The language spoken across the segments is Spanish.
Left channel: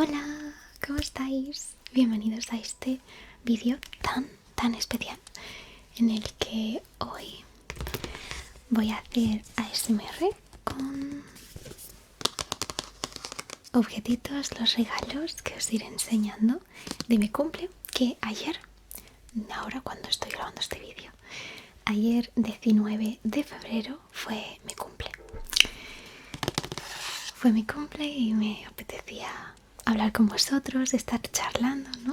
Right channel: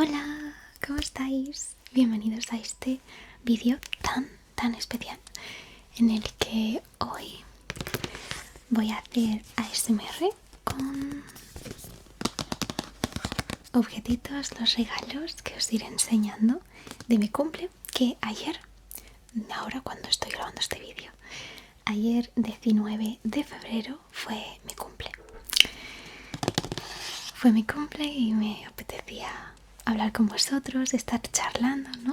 Hola, ¿cómo estáis? Bienvenidos a este vídeo tan especial en el que hoy voy a hacer ASMR con objetitos, los regalos que os iré enseñando de mi cumple, que ayer, ahora cuando estoy grabando este vídeo, ayer 19 de febrero fue mi cumple. Fue mi cumple y me apetecía hablar con vosotros, estar charlando, ¿no?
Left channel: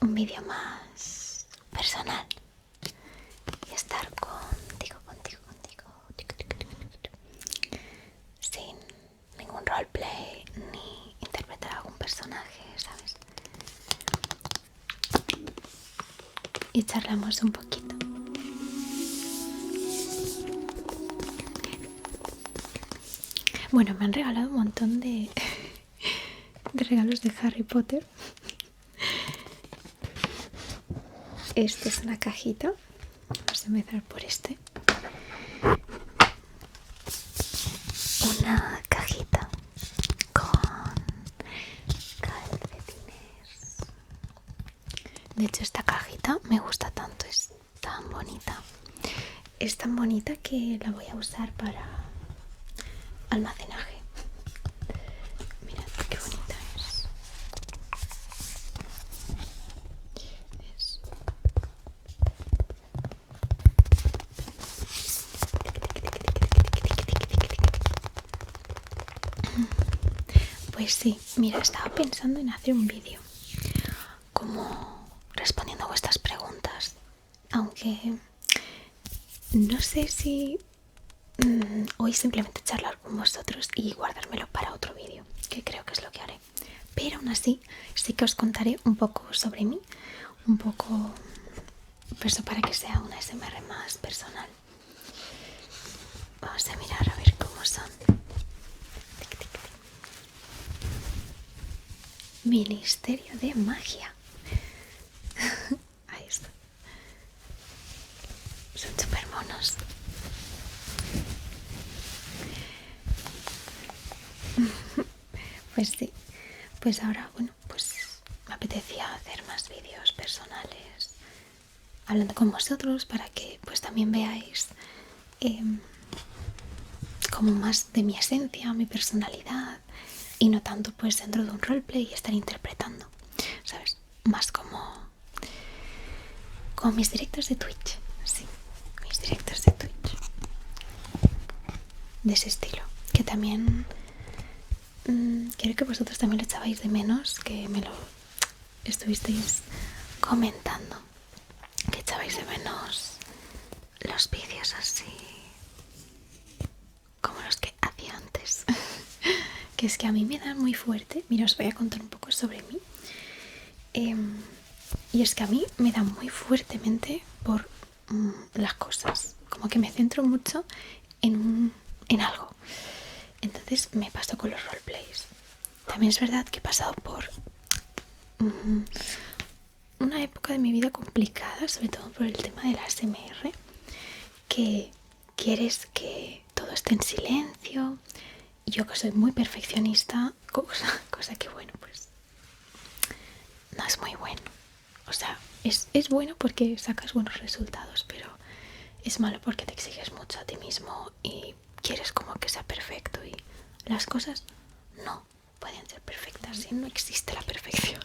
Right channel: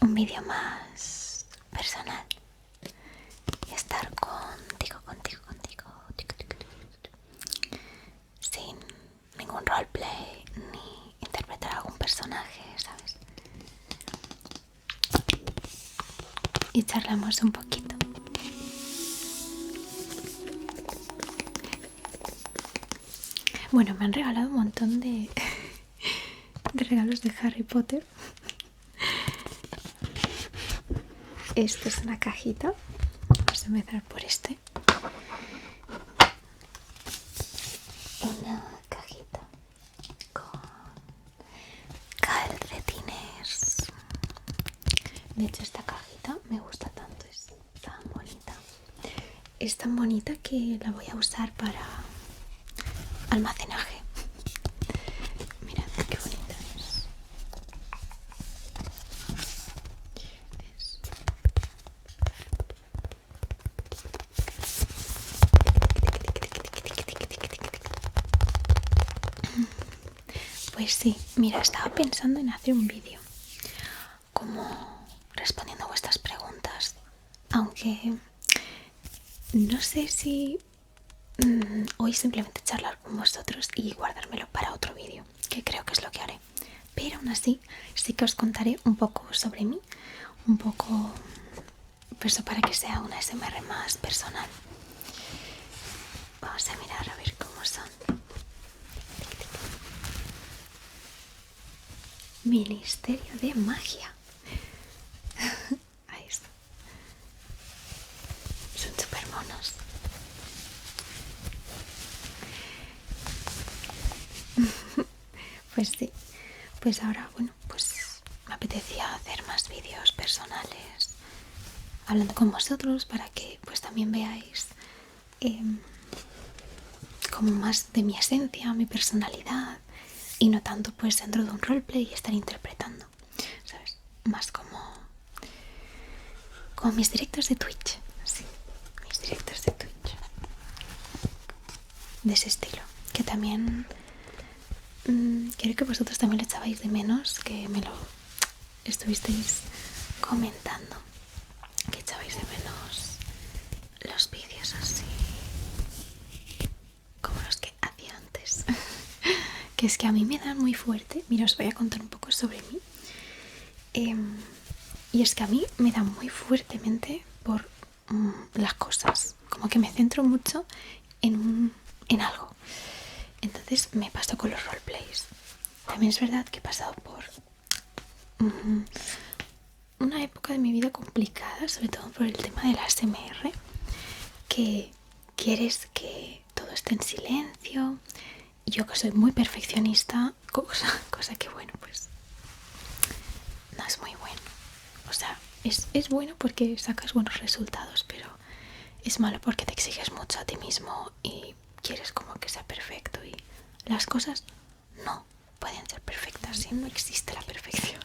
Un vídeo más personal y estar contigo, sin ningún roleplay ni interpretar algún personaje, ¿sabes? Y charlamos un poquito. Bueno, me han regalado un montón de regalos de Harry Potter. Esta es una cajita. Vamos a empezar por este. Una cajita con calcetines. De hecho, esta cajita me gusta tanto, es tan bonita. Es tan bonita que la voy a usar para almacenaje. Mirad qué bonita es. Pues sí, mira, estaba pensando en hacer un vídeo como respondiendo a vuestras preguntas, aunque no sé si hoy simplemente charlar con vosotros y guardármelo para otro vídeo, que creo que es lo que haré. Pero aún así sí que os contaré un poco sobre mí, un poco pues para que sea una ASMR más personal. Vamos a mirar a ver cómo son. Ministerio de Magia. Ahí está. Son súper monos. Pues sí. Pues ahora, bueno, pues me apetecía hacer más vídeos personales hablando con vosotros para que pues también veáis como más de mi esencia, mi personalidad y no tanto pues dentro de un roleplay y estar interpretando, ¿sabes? Más como mis directos de Twitch, sí, mis directos de Twitch, de ese estilo, que también quiero que vosotros también lo echabais de menos, que me lo estuvisteis comentando, que echabais de menos los vídeos así como los que hacía antes. Que es que a mí me dan muy fuerte. Mira, os voy a contar un poco sobre mí. Y es que a mí me da muy fuertemente por las cosas. Como que me centro mucho en algo. Entonces me paso con los roleplays. También es verdad que he pasado por una época de mi vida complicada, sobre todo por el tema de la ASMR, que quieres que todo esté en silencio. Y yo que soy muy perfeccionista, cosa que bueno, pues no es muy bueno. O sea, es bueno porque sacas buenos resultados, pero es malo porque te exiges mucho a ti mismo y quieres como que sea perfecto y las cosas no pueden ser perfectas y no existe la perfección.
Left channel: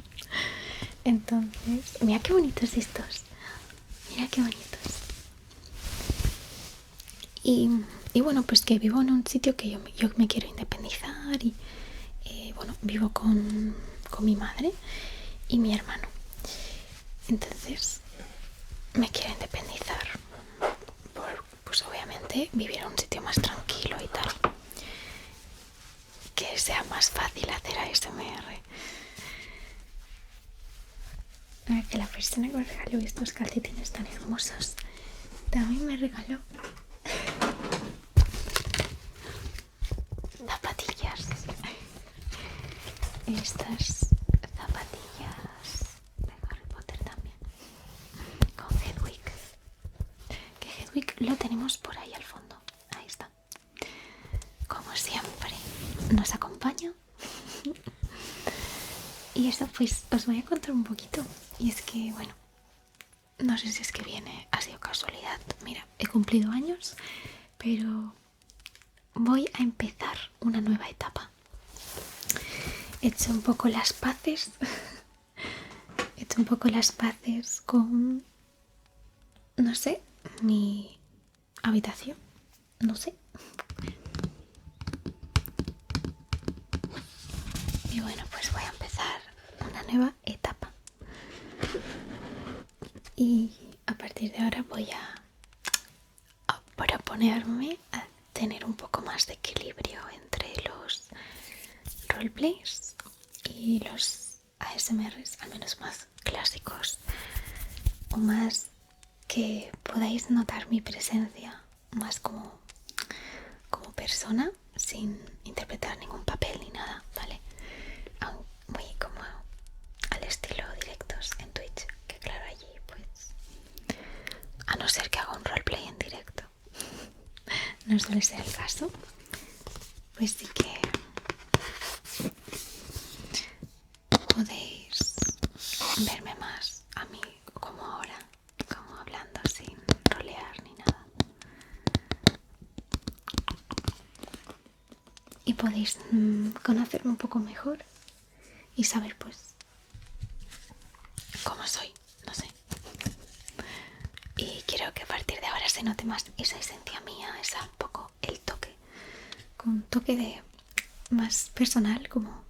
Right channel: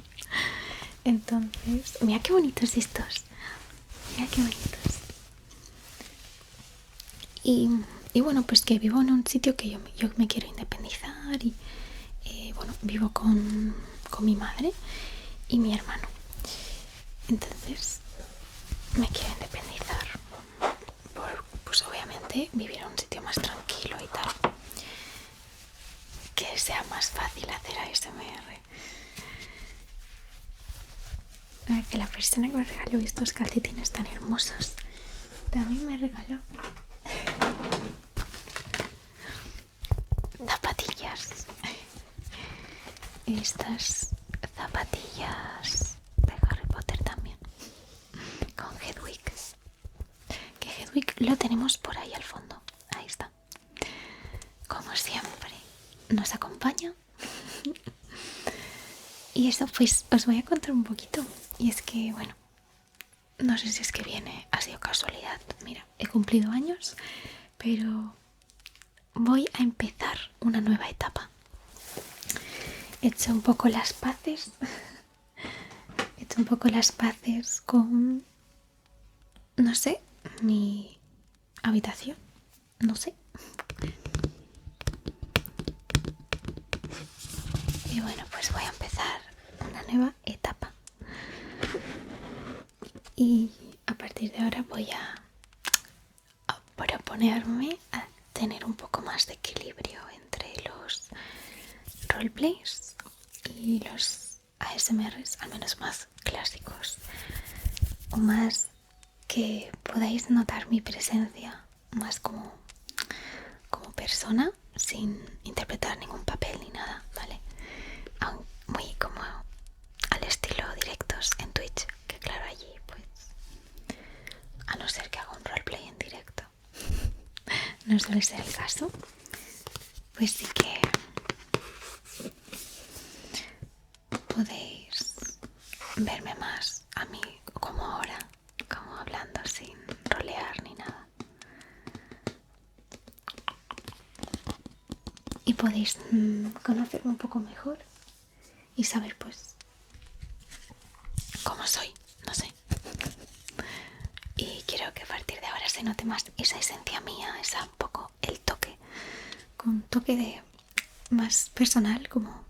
Entonces, mira qué bonitos estos. Mira qué bonitos. Y bueno, pues que vivo en un sitio que yo me quiero independizar y bueno, vivo con mi madre y mi hermano. Entonces me quiero independizar por, pues obviamente, vivir en un sitio más tranquilo y tal, que sea más fácil hacer ASMR. Que la persona que me regaló estos calcetines tan hermosos también me regaló zapatillas. Y estas zapatillas de Harry Potter también, con Hedwig. Que Hedwig lo tenemos por ahí al fondo. Ahí está. Como siempre, nos acompaña. Y eso, pues os voy a contar un poquito. Y es que, bueno, no sé si es que viene, ha sido casualidad. Mira, he cumplido años, pero voy a empezar una nueva etapa. He hecho un poco las paces. He hecho un poco las paces con, no sé, mi habitación. No sé. Y bueno, pues voy a empezar una nueva etapa. Y a partir de ahora voy a proponerme a tener un poco más de equilibrio entre los roleplays y los ASMRs, al menos más clásicos, o más que podáis notar mi presencia más como persona, sin interpretar ningún papel ni nada, ¿vale? Muy como al estilo directos en Twitch, que claro, allí pues, a no ser que haga un roleplay en directo, no suele ser el caso, pues sí que podéis verme más a mí como ahora, como hablando sin rolear ni nada. Y podéis conocerme un poco mejor y saber pues cómo soy, no sé. Y quiero que a partir de ahora se note más esa esencia mía, esa un poco el toque, con un toque de más personal, como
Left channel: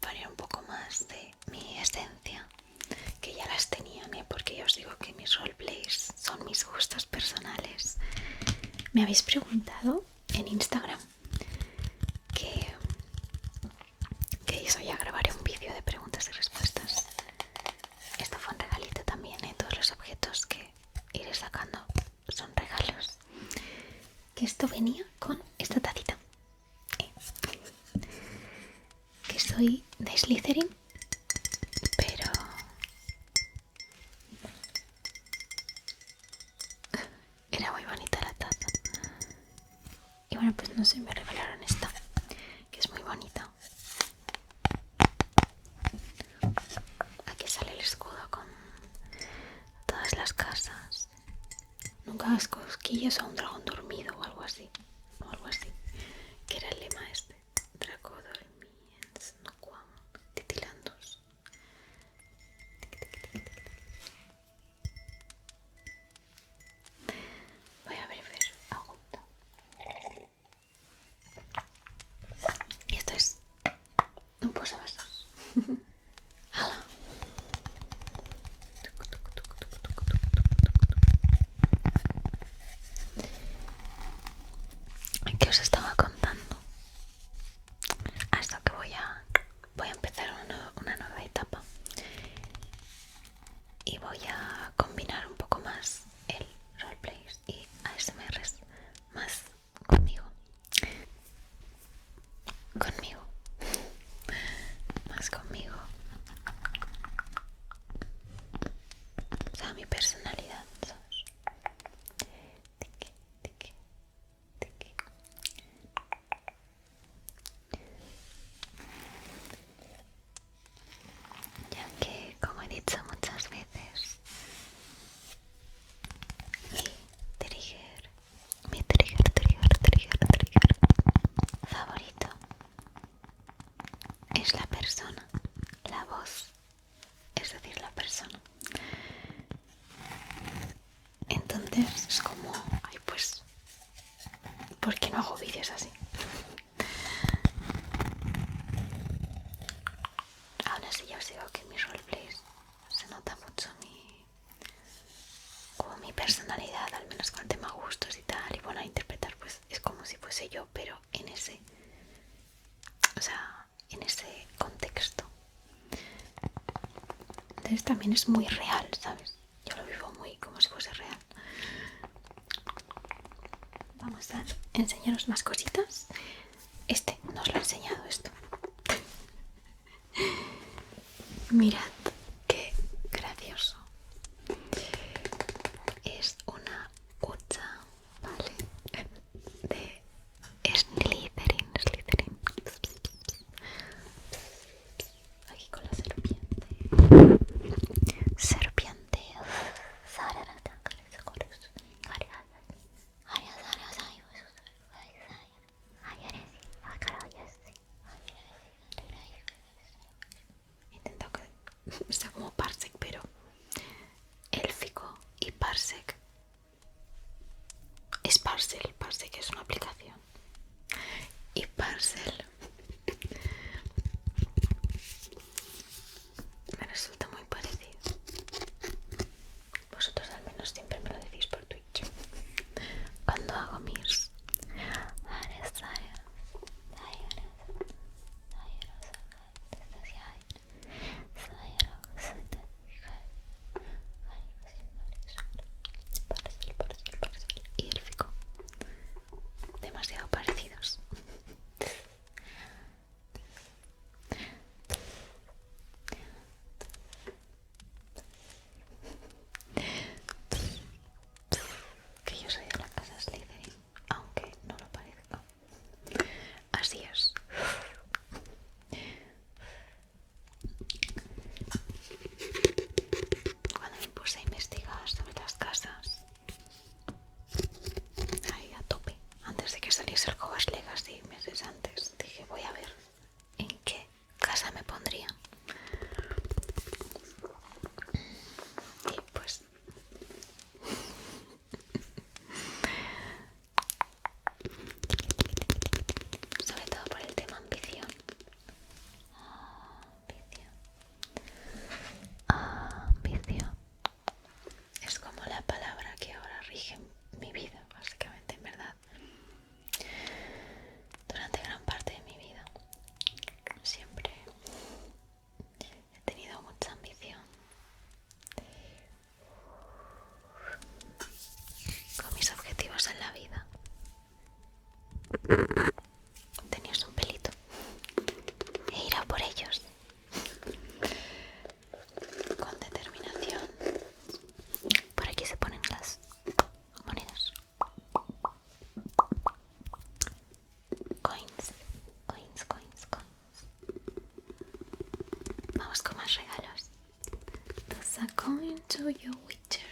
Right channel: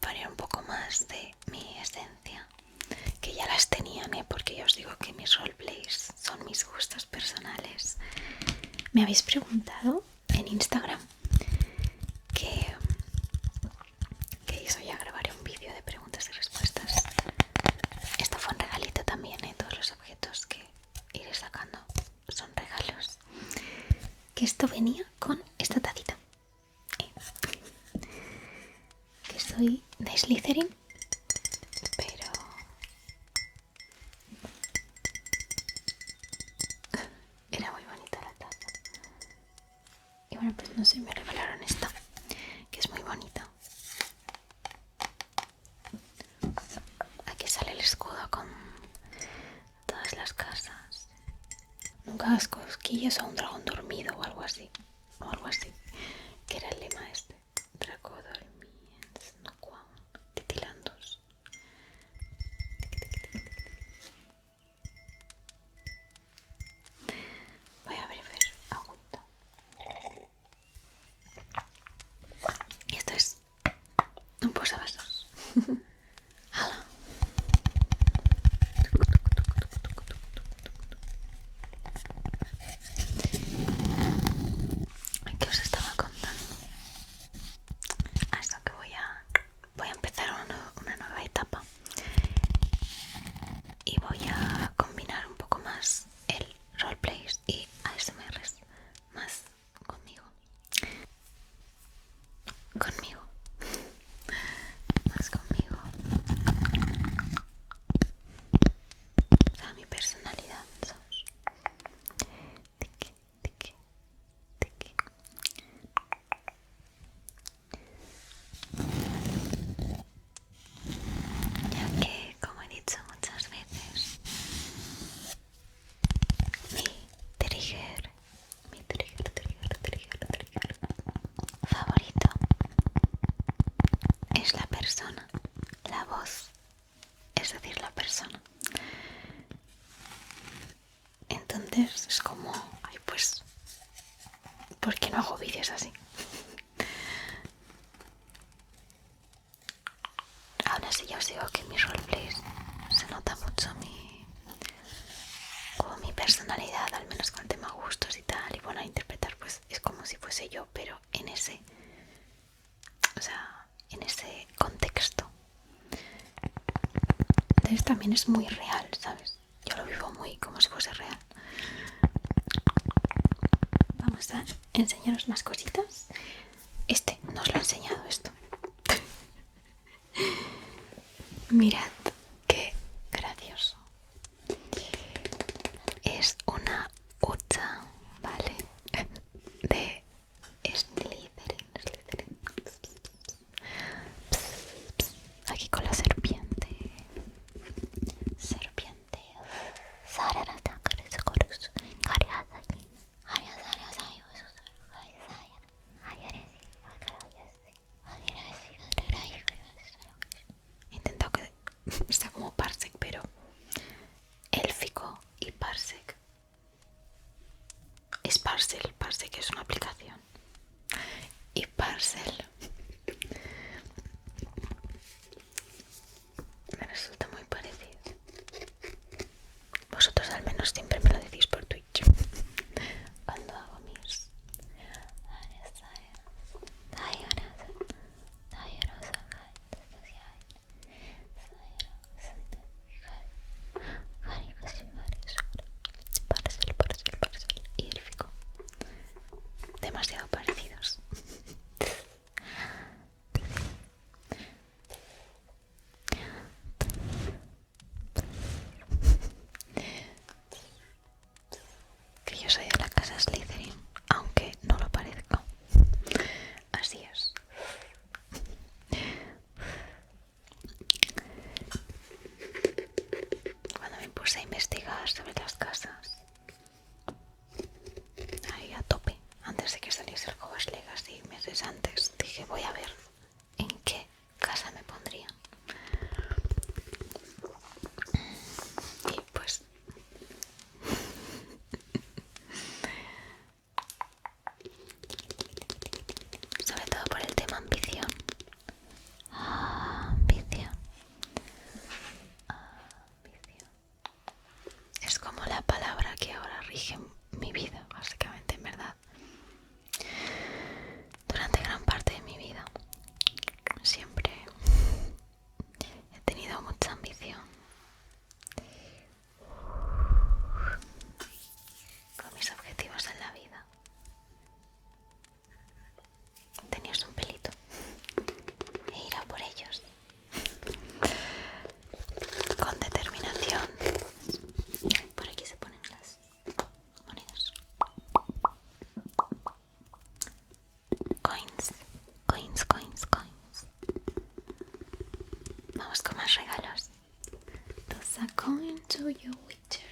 poner un poco más de mi esencia, que ya las tenían, porque yo os digo que mis roleplays son mis gustos personales. Me habéis preguntado en Instagram que hizo ya grabaré un vídeo de preguntas y respuestas. Esto fue un regalito también, todos los objetos que iré sacando son regalos. Que esto venía con esta tacita, que soy de Slytherin, pero era muy bonita la taza. Y bueno, pues no sé, me regalaron esta, que es muy bonita. Aquí sale el escudo con todas las casas. Nunca hagas cosquillas a un dragón dormido o algo así. O algo así. Que era el lema este. Draco dormiens no quam titilandos. Voy a beber agüita. Y esto es un posavasos. ¡Hala! ¿Qué os estaba contando? Hasta que voy a empezar una nueva etapa. Y voy a combinar un poco más el roleplays y ASMRs más conmigo. Conmigo. Más conmigo. O sea, mi personalidad, ¿sabes? Tiki, tiki, tiki. Ya que, como he dicho muchas veces, mi trigger favorito es la persona, la voz, es decir, la persona. Entonces es como, ay, pues, ¿por qué no hago vídeos así? Aún así ya os digo que en mis roleplays se nota mucho como mi personalidad, al menos con el tema gustos y tal. Y bueno, a interpretar pues es como si fuese yo, pero en ese, o sea, en ese contexto. Entonces también es muy real, ¿sabes? Yo lo vivo muy como si fuese real. Vamos a enseñaros más cositas. Este nos lo ha enseñado esto. Mirad qué gracioso. Es una hucha, ¿vale? De Slytherin. Aquí sepas, sé que es una aplicación. Y Parcel me resulta muy parecido. Vosotros al menos siempre me lo decís por Twitch cuando hago mis Parcel y élfico, demasiado parecidos. Que yo soy de la casa Slytherin, aunque no lo parezca. Así es. Cuando me puse a investigar sobre las casas, ahí a tope, antes de que saliese el Hogwarts Legacy, meses antes, dije voy a ver en qué casa me pondrían. Y pues sobre todo por el tema ambición. Ambición. Ambición. Es como la palabra que ahora rige mi vida, básicamente, en verdad. Durante gran parte de mi vida siempre he tenido mucha ambición con mis objetivos en la vida. Tenías un pelito. He ido por ellos con determinación. Por aquí se ponen las monedas. Coins, coins, coins, coins. Vamos con más regalos. Toss a coin to your witcher.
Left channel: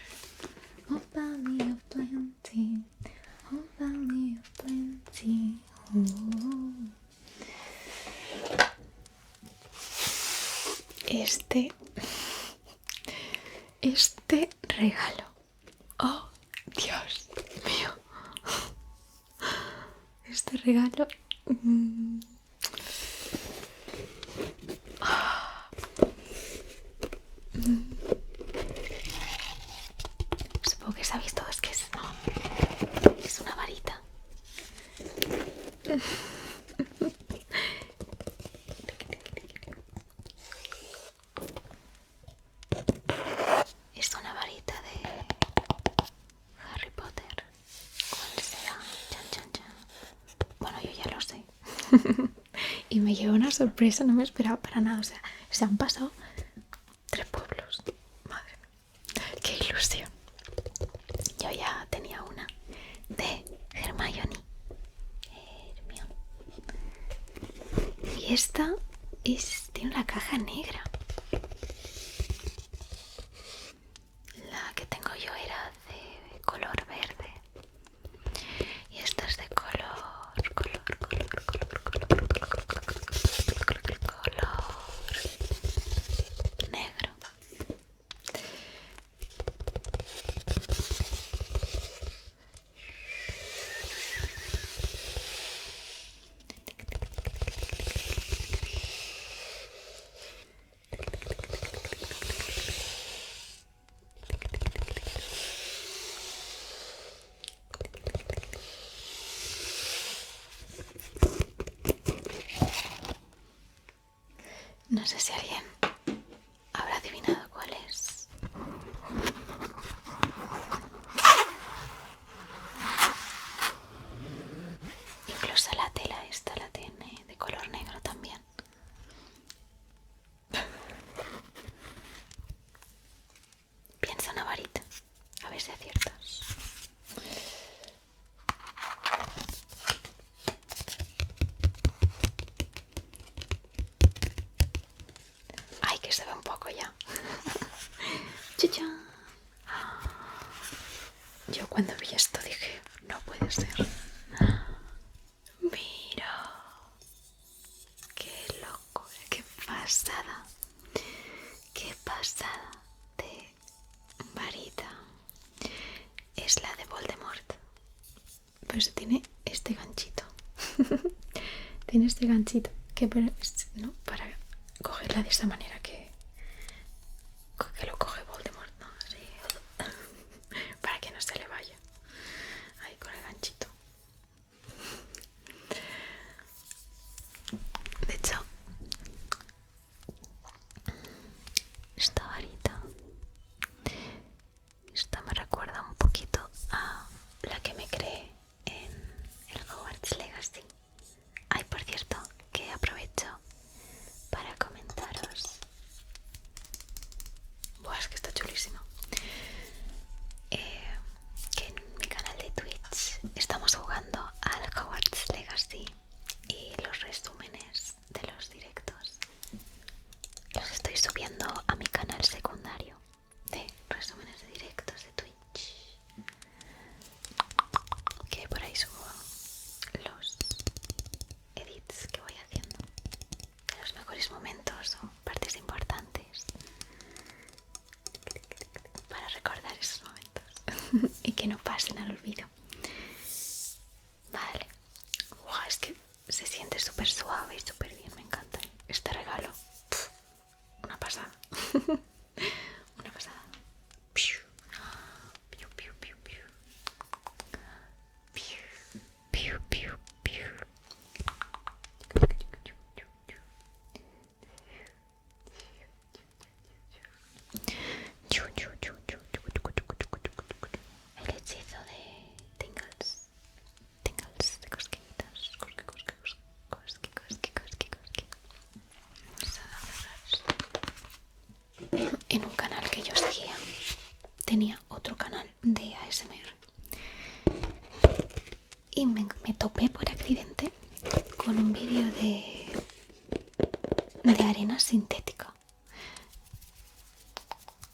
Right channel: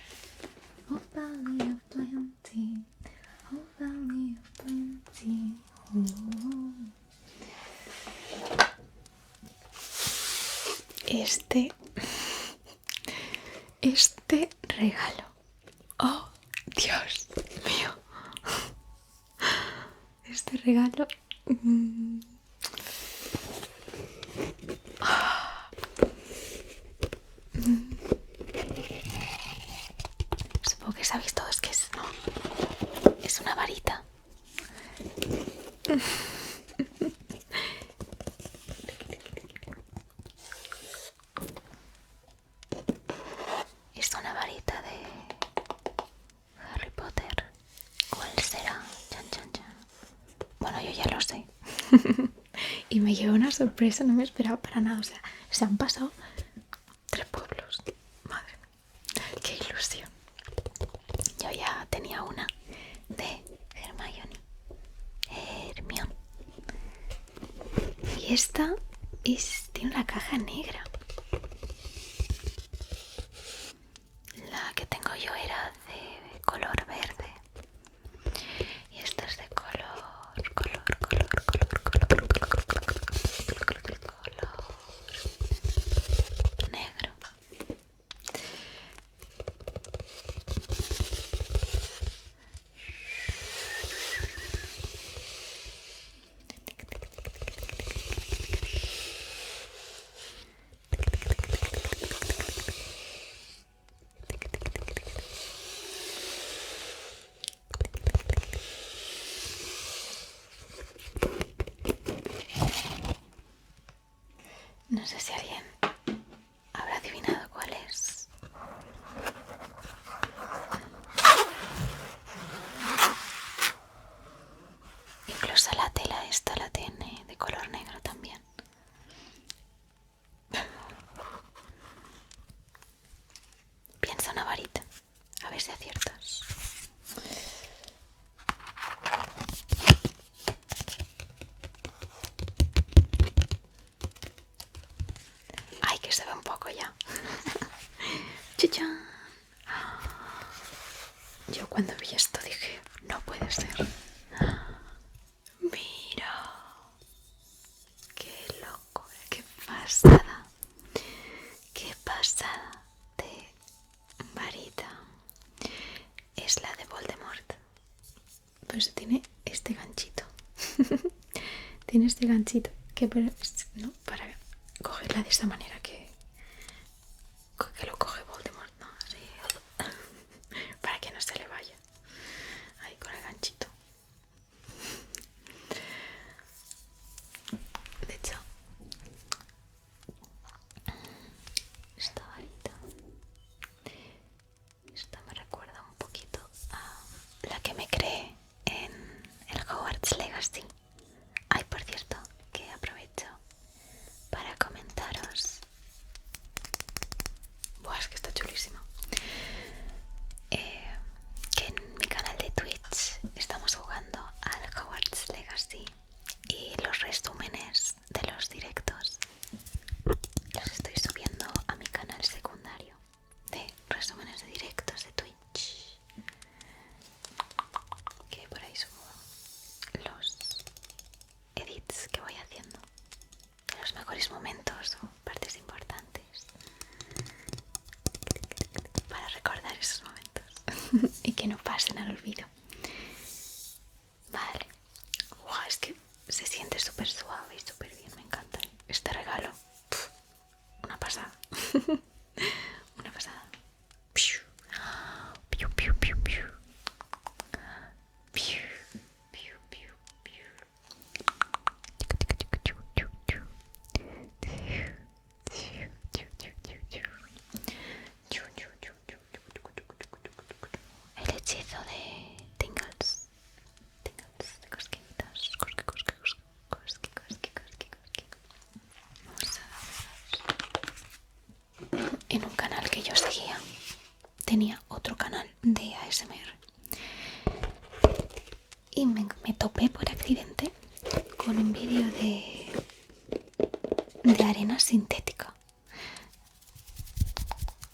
Oh, valley of plenty. Oh, valley of plenty. Oh. Este regalo. Oh, Dios mío. Este regalo. Supongo que sabéis todos que es una varita. Es una varita de Harry Potter. ¿Cuál será? Chan, chan, chan. Bueno, yo ya lo sé. Y me lleva una sorpresa, no me esperaba para nada. O sea, se han pasado 3 pueblos. Madre mía, qué ilusión. Yo ya tenía una de Hermione. Y esta tiene una caja negra. La que tengo yo era de color verde. Y esta es de color negro. No sé si alguien habrá adivinado cuál es. Incluso la tela esta la tiene de color negro también. Piensa una varita, a ver si aciertas. Ay, que se ve un poco ya. ¡Chichán! Yo cuando vi esto dije, no puede ser. Mira, qué loco, qué pasada. Qué pasada de varita. Es la de Voldemort. Pues tiene tiene este ganchito que no, para cogerla de esa manera que lo coge Voldemort, ¿no? Así, para que no se le vaya. Ahí con el ganchito. De hecho, esta varita, esta me recuerda un poquito a la que me creé en el Hogwarts Legacy. Ay, por cierto, que aprovecho para comentaros. Buah, es que está chulísimo. Que en mi canal de Twitch estamos jugando al Hogwarts Legacy y los resúmenes de los directos los estoy subiendo a mi canal secundario de resúmenes de directos de Twitch, que por ahí subo los edits que voy haciendo, los mejores momentos o partes importantes para recordar esos momentos y que no pasen al olvido. Vale. Wow, es que se siente súper suave y súper bien, me encanta este regalo. Pff, una pasada. Una pasada. Piu, piu, piu, piu, piu. Piu, piu, piu, piu. El hechizo de Tingles. Tingles de cosquillitas. Cosqui, cosqui, cosqui, cosqui, cosqui, cosqui, cosqui. Vamos a ver. En un canal que yo seguía tenía otro canal de ASMR y me topé por accidente con un vídeo de arena sintética.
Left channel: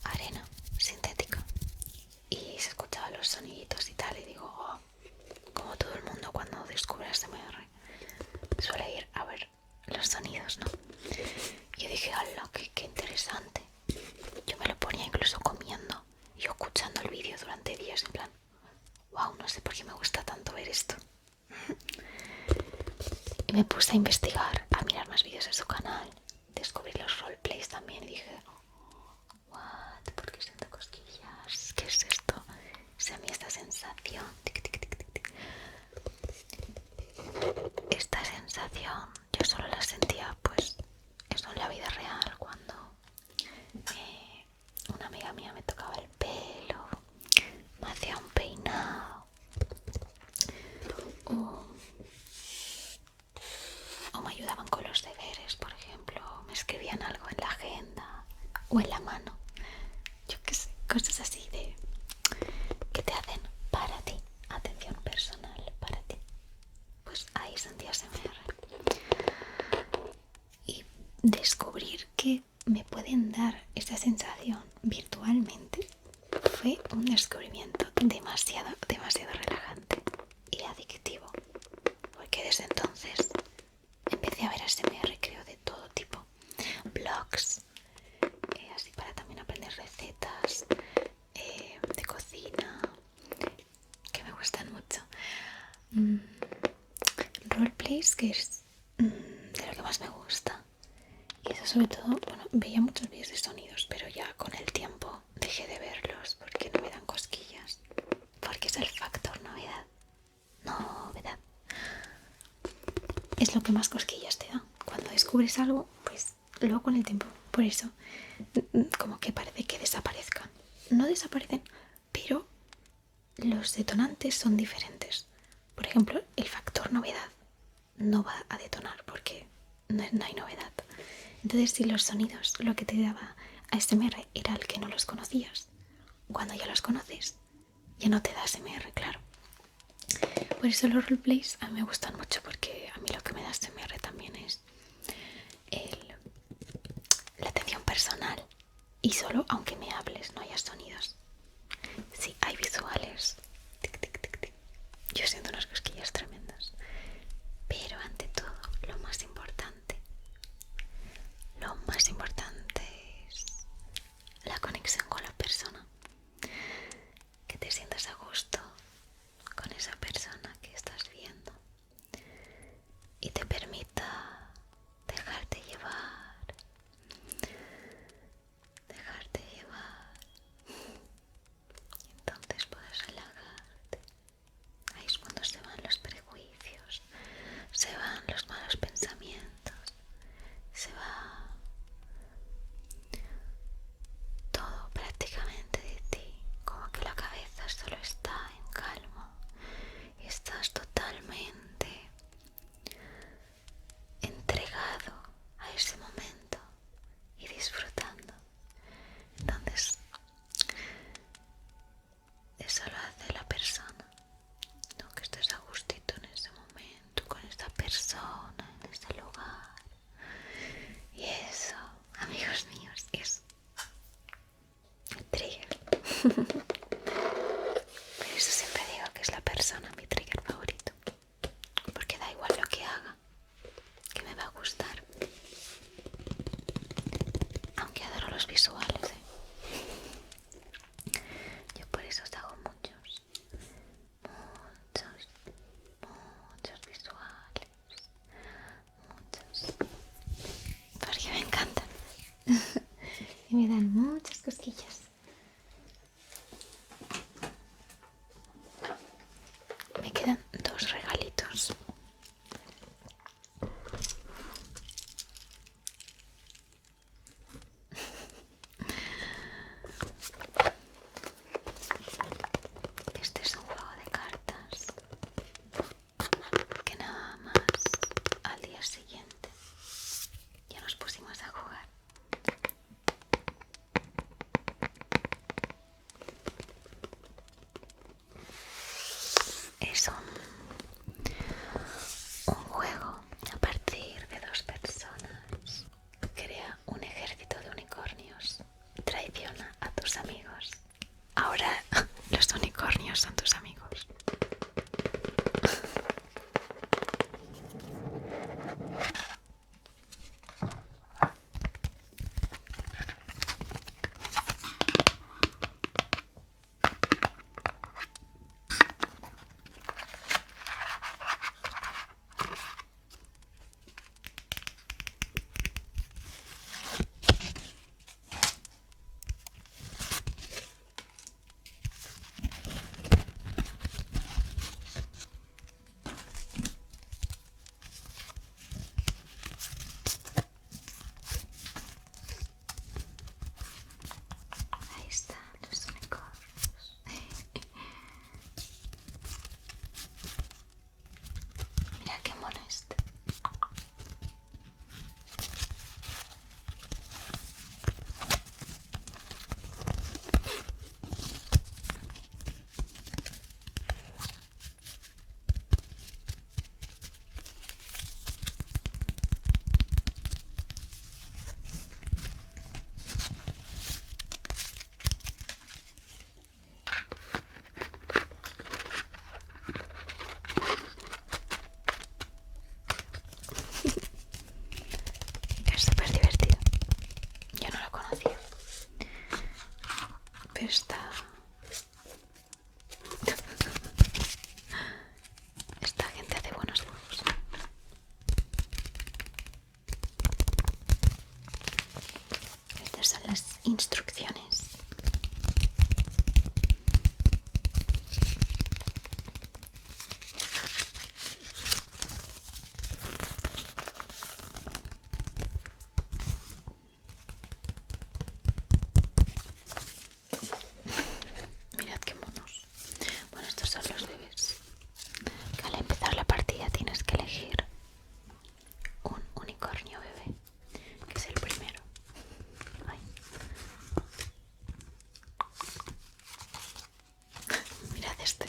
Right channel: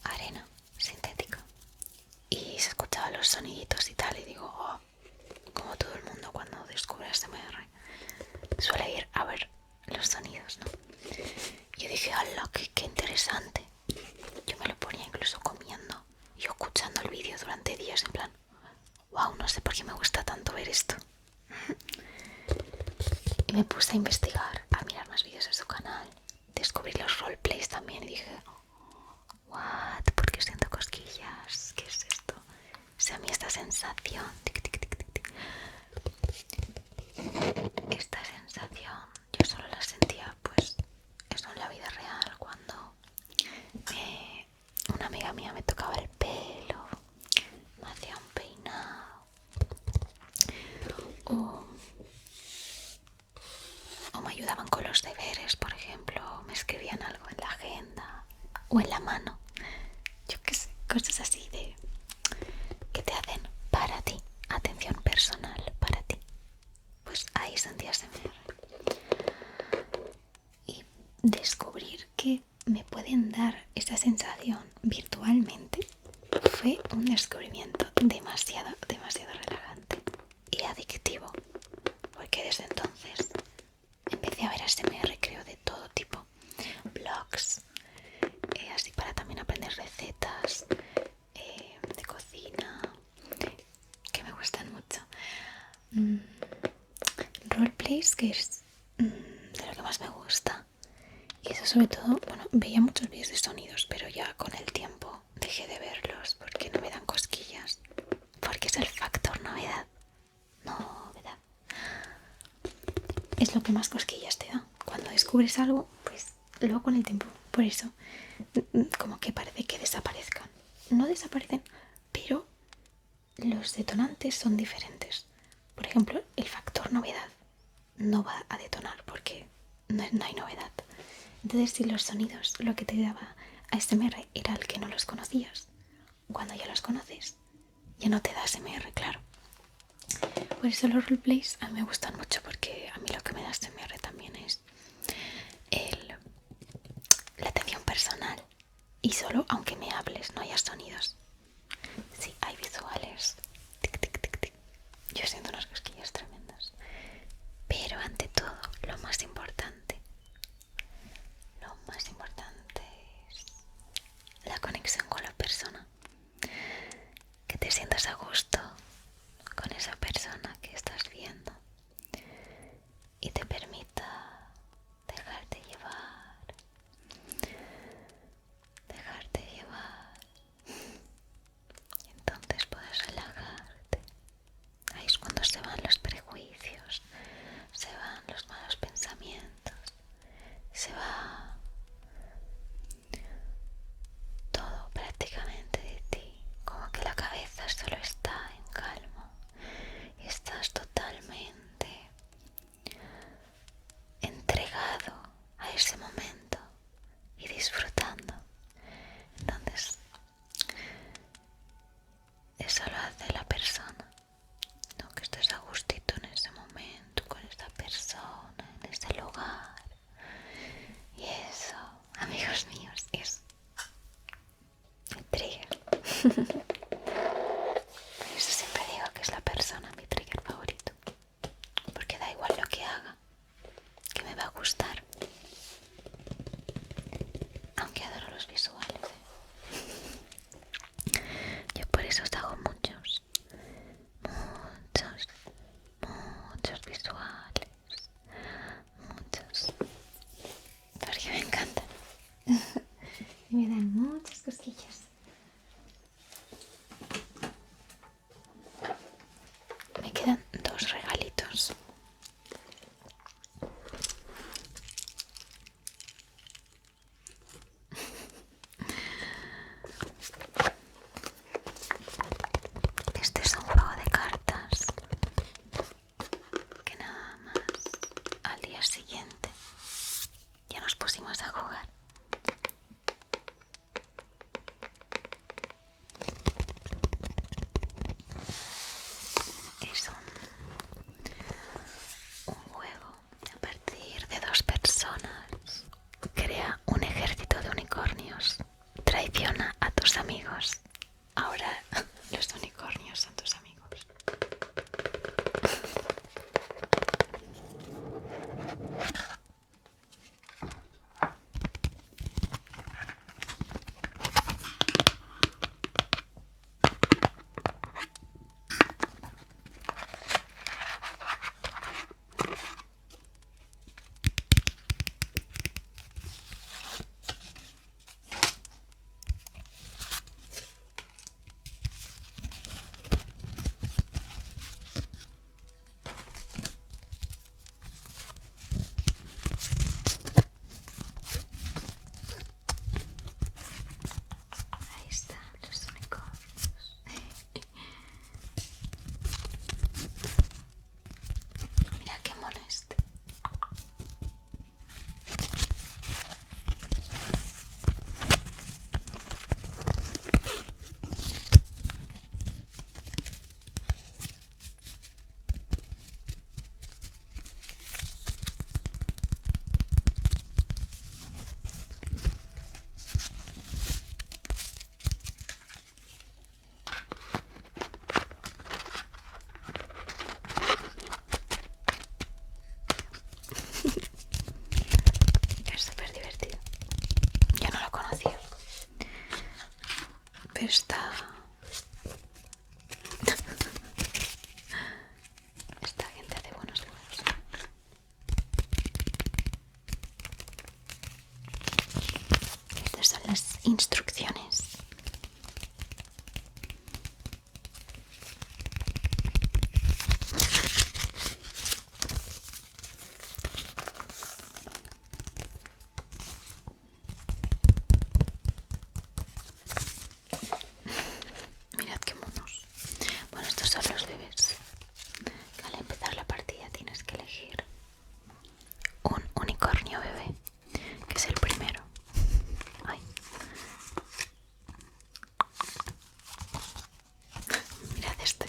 Arena sintética. Y se escuchaban los soniditos y tal, y digo, oh, como todo el mundo cuando descubre ASMR suele ir a ver los sonidos, ¿no? Y yo dije, ¡hala, qué interesante! Yo me lo ponía incluso comiendo y yo escuchando el vídeo durante días, en plan, wow, no sé por qué me gusta tanto ver esto. Y me puse a investigar, a mirar más vídeos de su canal, descubrí los roleplays también y dije, what, ¿por qué siento cosquillas? ¿Qué es esto? O sea, a mí esta sensación, tic, tic, tic, tic, tic. Esta sensación yo solo la sentía pues eso en la vida real, cuando una amiga mía me tocaba el pelo, me hacía un peinado o me ayudaban con los deberes, por ejemplo, o me escribían algo en la agenda o en la mano, yo qué sé, cosas así de que te hacen para ti, atención personal para ti. Pues ahí sentí ASMR y descubrir que me pueden dar esa sensación virtualmente fue un descubrimiento demasiado relajante y adictivo, porque desde entonces empecé a ver ASMR, creo, de todo tipo, blogs, así para también aprender recetas de cocina que me gustan mucho, roleplays, que es de lo que más me gusta. Y eso sobre todo, bueno, veía muchos vídeos de sonidos, pero ya con el tiempo dejé de verlos porque no me dan cosquillas, porque es el factor novedad. Novedad es lo que más cosquillas te da. Cuando descubres algo, pues luego con el tiempo, por eso, como que parece que desaparezcan. No desaparecen, pero los detonantes son diferentes. Por ejemplo, el factor novedad no va a detonar porque no hay novedad. Entonces, si los sonidos lo que te daba ASMR era el que no los conocías, cuando ya los conoces, ya no te da ASMR, claro. Por eso los roleplays a mí me gustan mucho, porque a mí lo que me da ASMR también es la atención personal. Y solo aunque me hables, no haya sonidos. Sí, hay visuales. Tic, tic, tic, tic. Yo siento unas cosquillas tremendas. Pero ante todo, lo más importante es la conexión con la persona. Que te sientas a gusto con esa persona que estás viendo y te permita momento y disfrutando. Entonces, eso lo hace la persona, ¿no? Que estés a gustito en ese momento, con esa persona, en ese lugar. Y eso, amigos míos, es mi trigger. Por eso siempre digo que es la persona mi trigger favorito. Porque da igual lo que haga, que me va a gustar. Aunque adoro los visuales, Yo por eso os hago muchos visuales. Muchos. Porque me encantan. Y me dan muchas cosquillas. Me quedan 2 regalitos. Este es un juego de cartas que nada más al día siguiente ya nos pusimos a jugar. Es un juego a partir de 2 personas. Crea un ejército de unicornios. Traiciona a tus amigos. Ahora los unicornios son tus amigos. Ahí están los unicornios. Mira qué molesto. Es súper divertido. Yo no lo conocía. Pero esta gente hace buenos juegos. Estas son las instrucciones. Mirad qué monos. Bueno, estos son los bebés. Al empezar la partida tienes que elegir un unicornio bebé, que es el primero. Ay. Mirad este.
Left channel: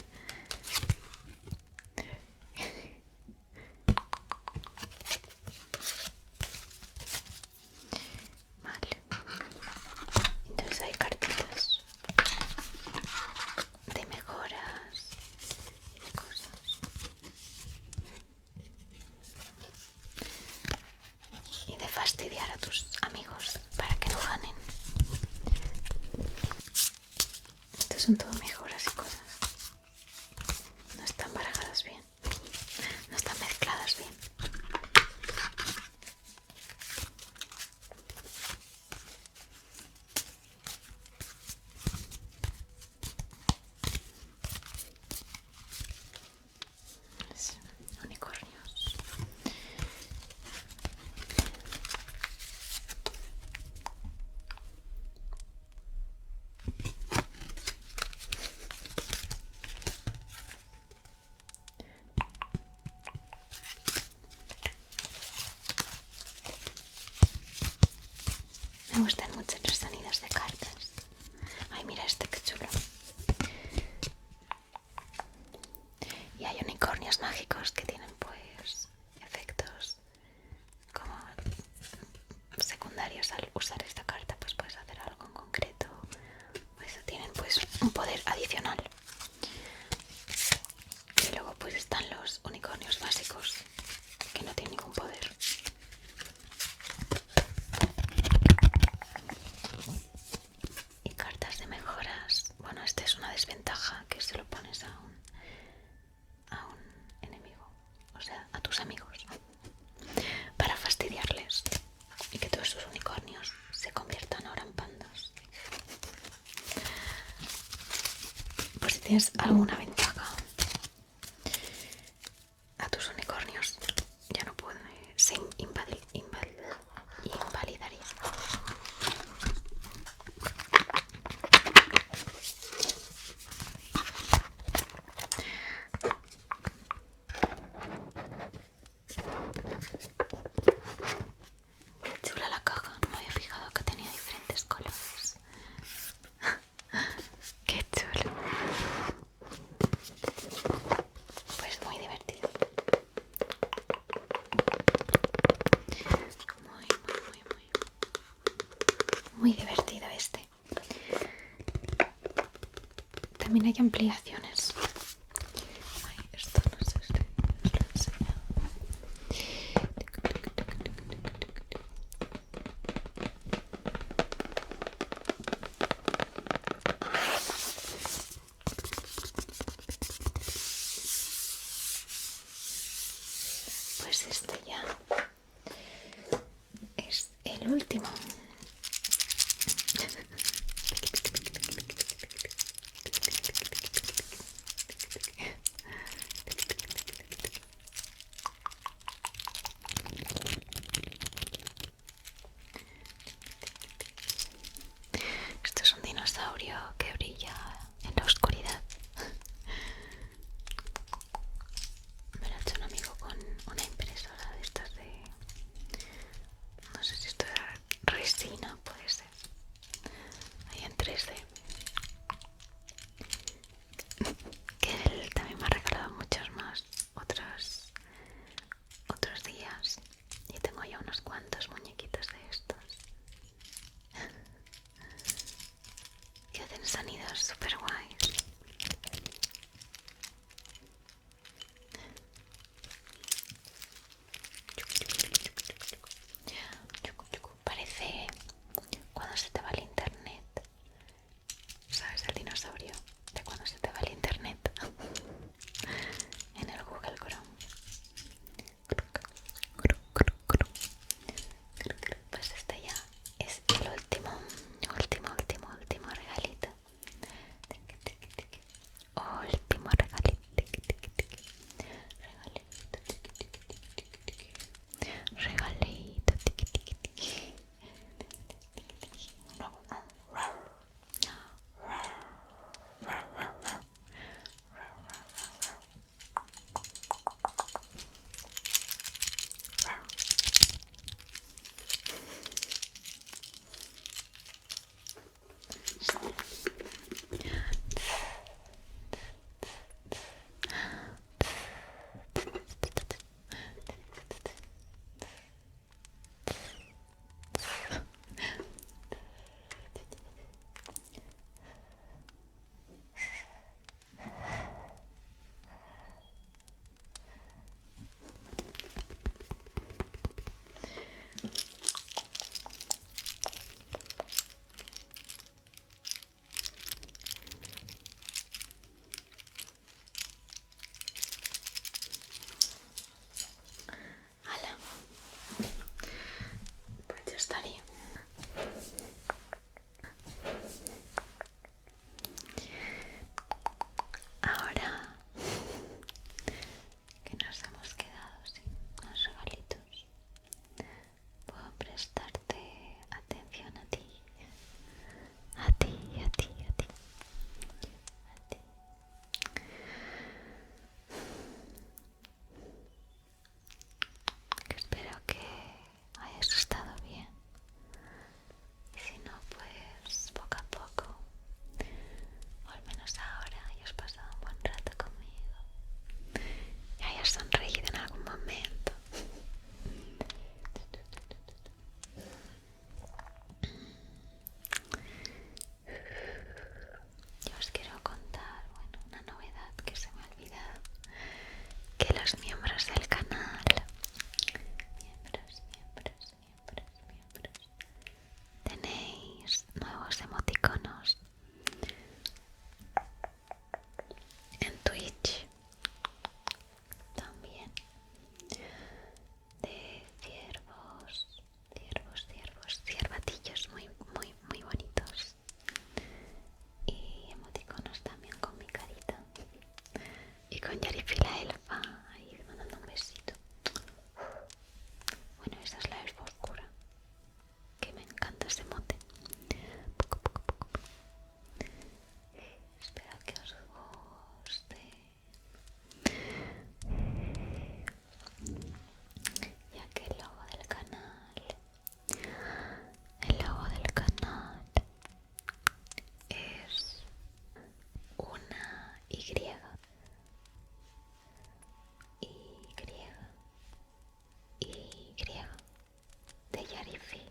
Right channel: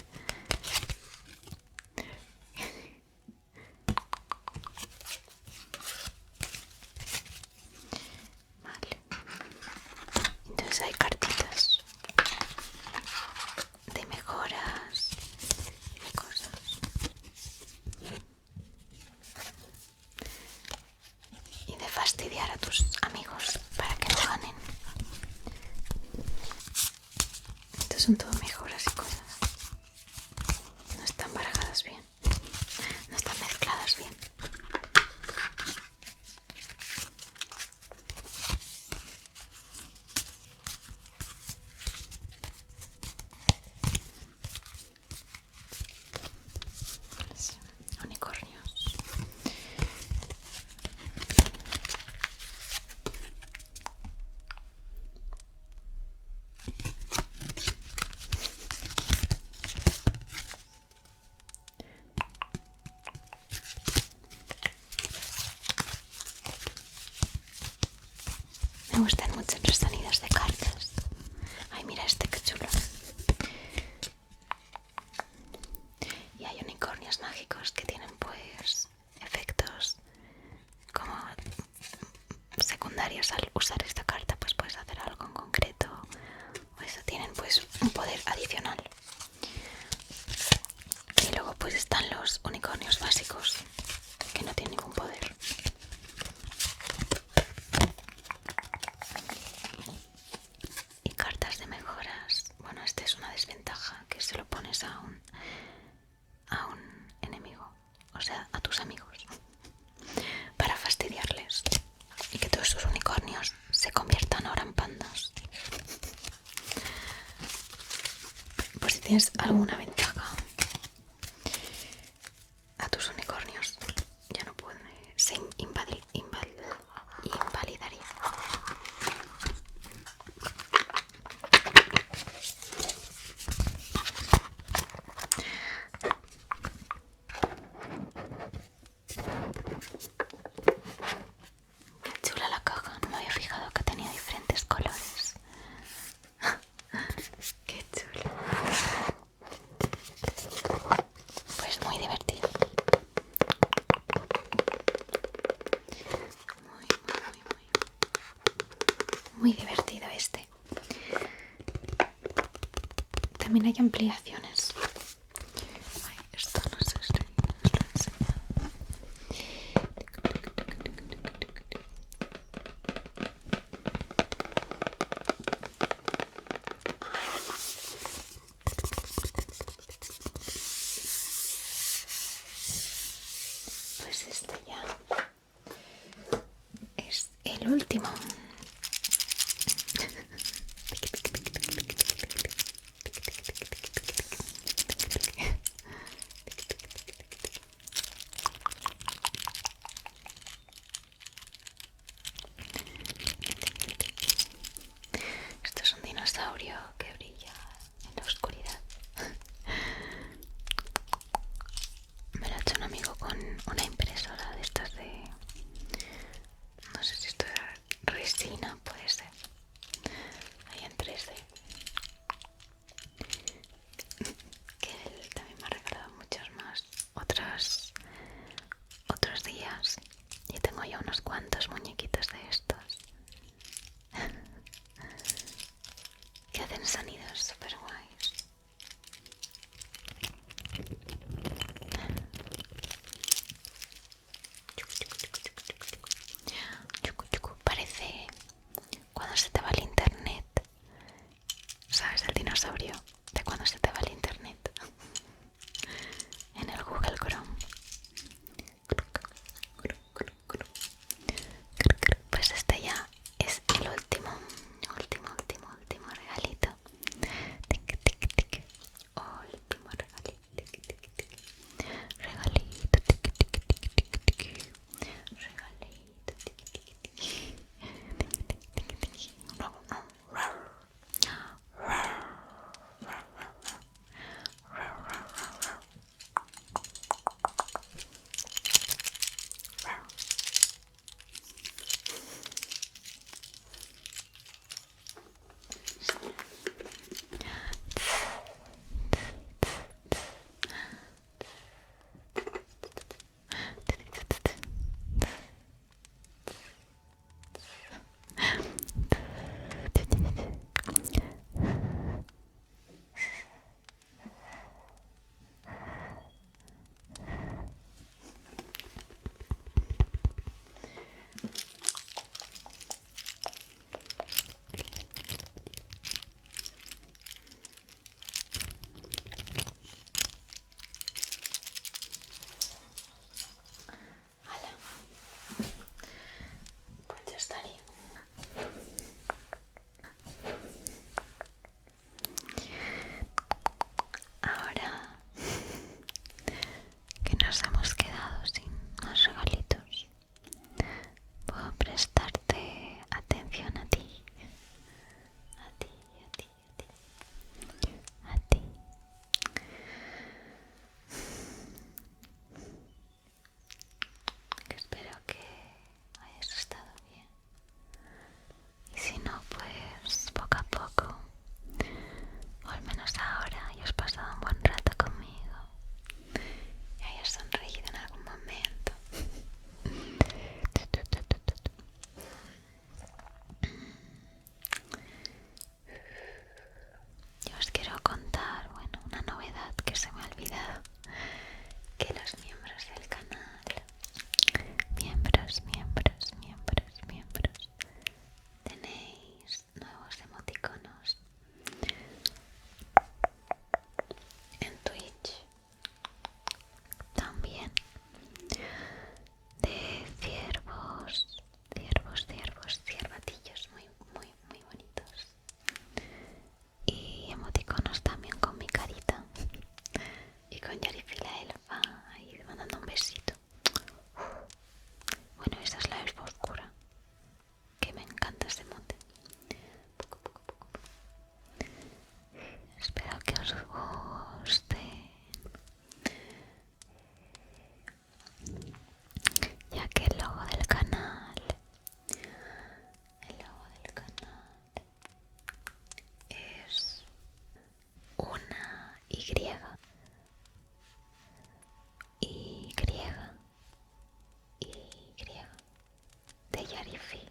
Vale. Entonces hay cartitas de mejoras y de cosas. Y de fastidiar a tus amigos para que no ganen. Estos son todo mejoras y cosas. No están barajadas bien. No están mezcladas bien. Unicornios. Me gustan mucho los sonidos de cartas. Ay, mira este que chulo. Y hay unicornios mágicos que tienen pues efectos como secundarios. Al usar esta carta pues puedes hacer algo en concreto. O eso, tienen pues un poder adicional. Y luego pues están los unicornios básicos que no tienen ningún poder. Y cartas de mejoras. Bueno, esta es una desventaja, que se lo pones a un enemigo, o sea, a tus amigos, para fastidiarles y que todos sus unicornios se conviertan ahora en pandas. Pues si tienes alguna ventaja, a tus unicornios ya no pueden, se invalidaría. Chula la caja, no me había fijado que tenía diferentes colores. Qué chulo. Pues muy divertido. Muy divertido este. También hay ampliaciones. Ay, esto no sé si os lo he enseñado. Pues este ya es el último. Esto es un dinosaurio que brilla en la oscuridad. Me lo ha hecho un amigo con una impresora de estas de... No sé si esto era resina, puede ser. Ahí en 3D. Que él también me ha regalado muchos más otros días. Y tengo ya unos cuantos muñequitos de estos que hacen sonidos super guays. Parece cuando se te va el internet. ¿Sabes el dinosaurio de cuando se te va el internet? En el Google Chrome. Pues este ya es el último regalito. Tic, tic, tic. Último regalito. Tic, tic, tic. Regalito. Tic, tic, tic, tic, tic. Regalito. Tic, tic, tic. Hala. Pues ya estaría. Ahora que nos hemos quedado sin más regalitos, puedo prestarte atención a ti, a ti, a ti, a ti, a ti. Que espero que hayas estado bien ese mote. Poco, poco, poco, poco. Espero que os guste. Ya que el logo del canal es una Y, Y de Yarifi.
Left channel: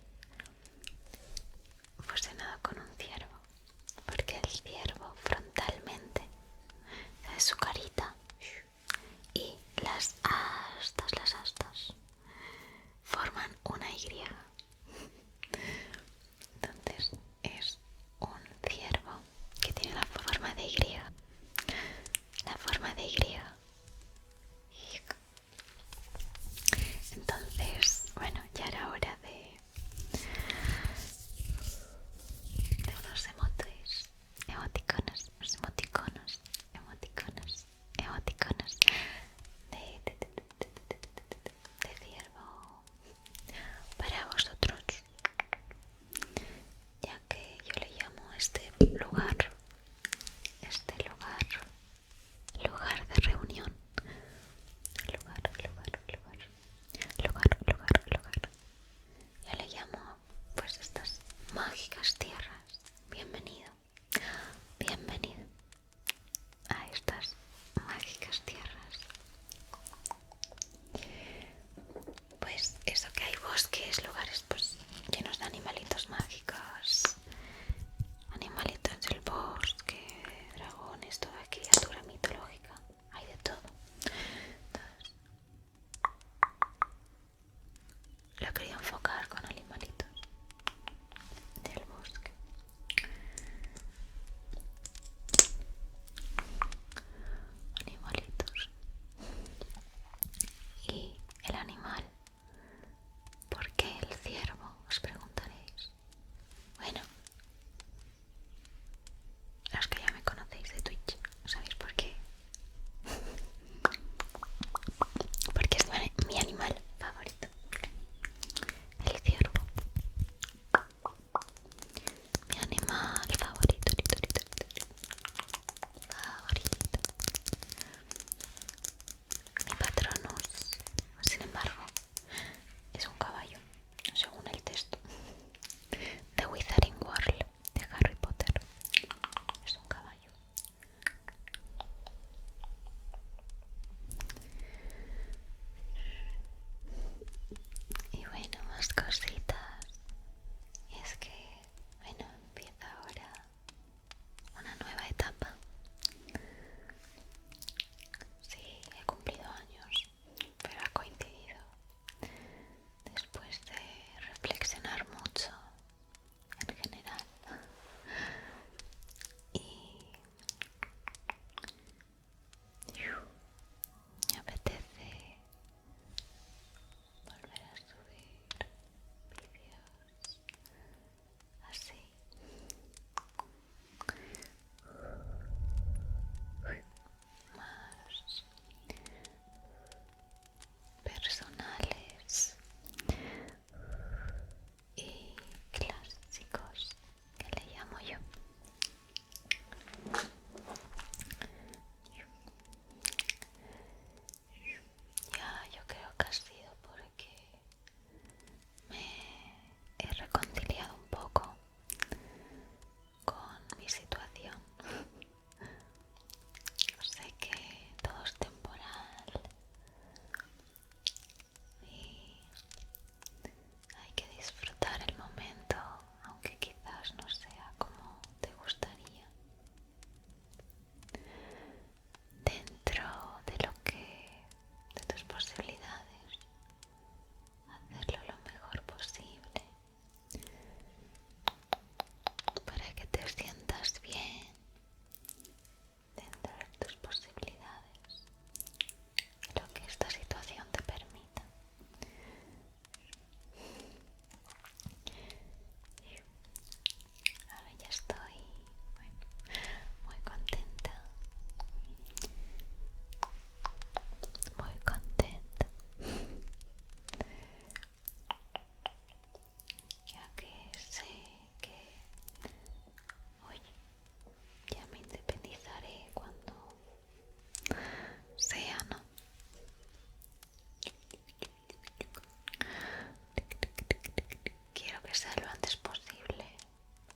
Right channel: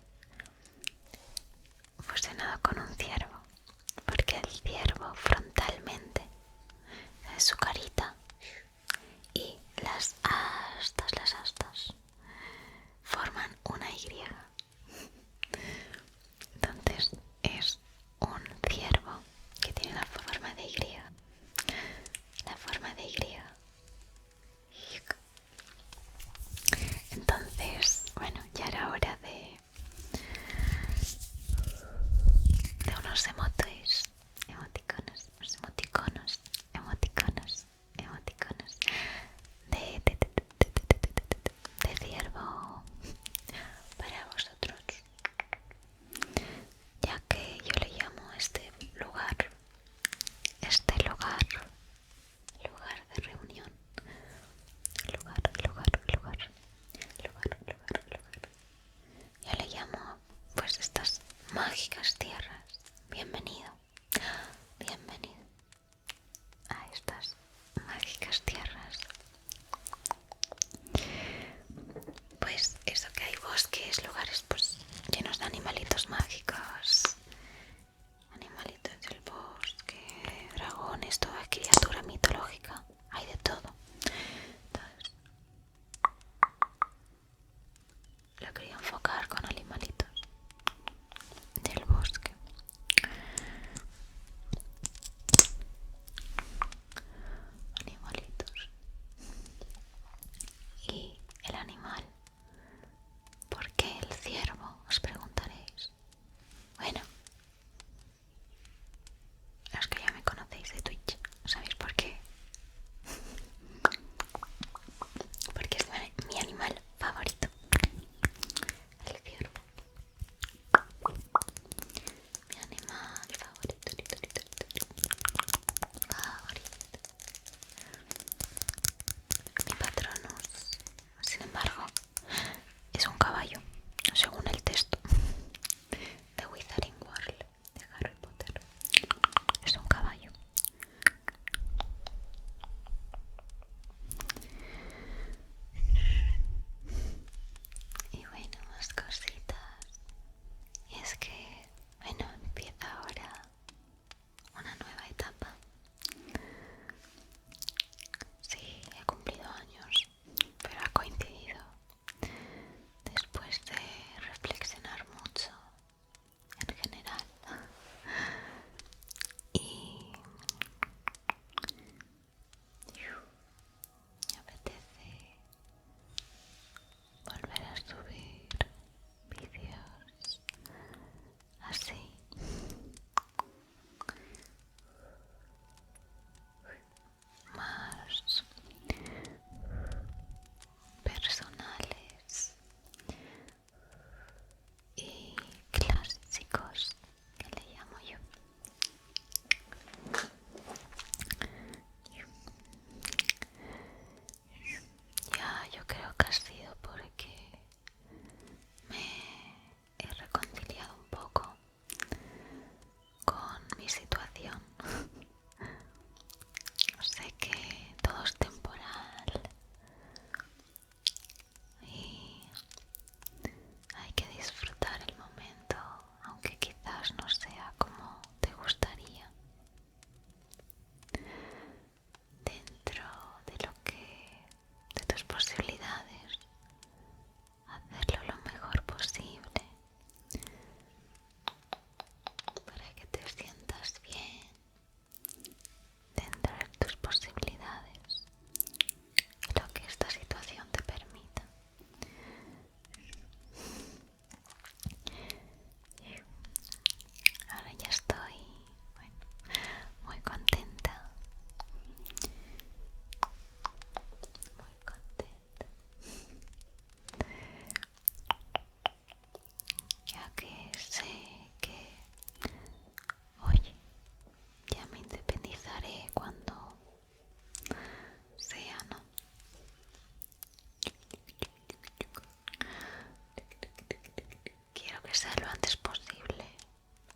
que sea lo antes posible.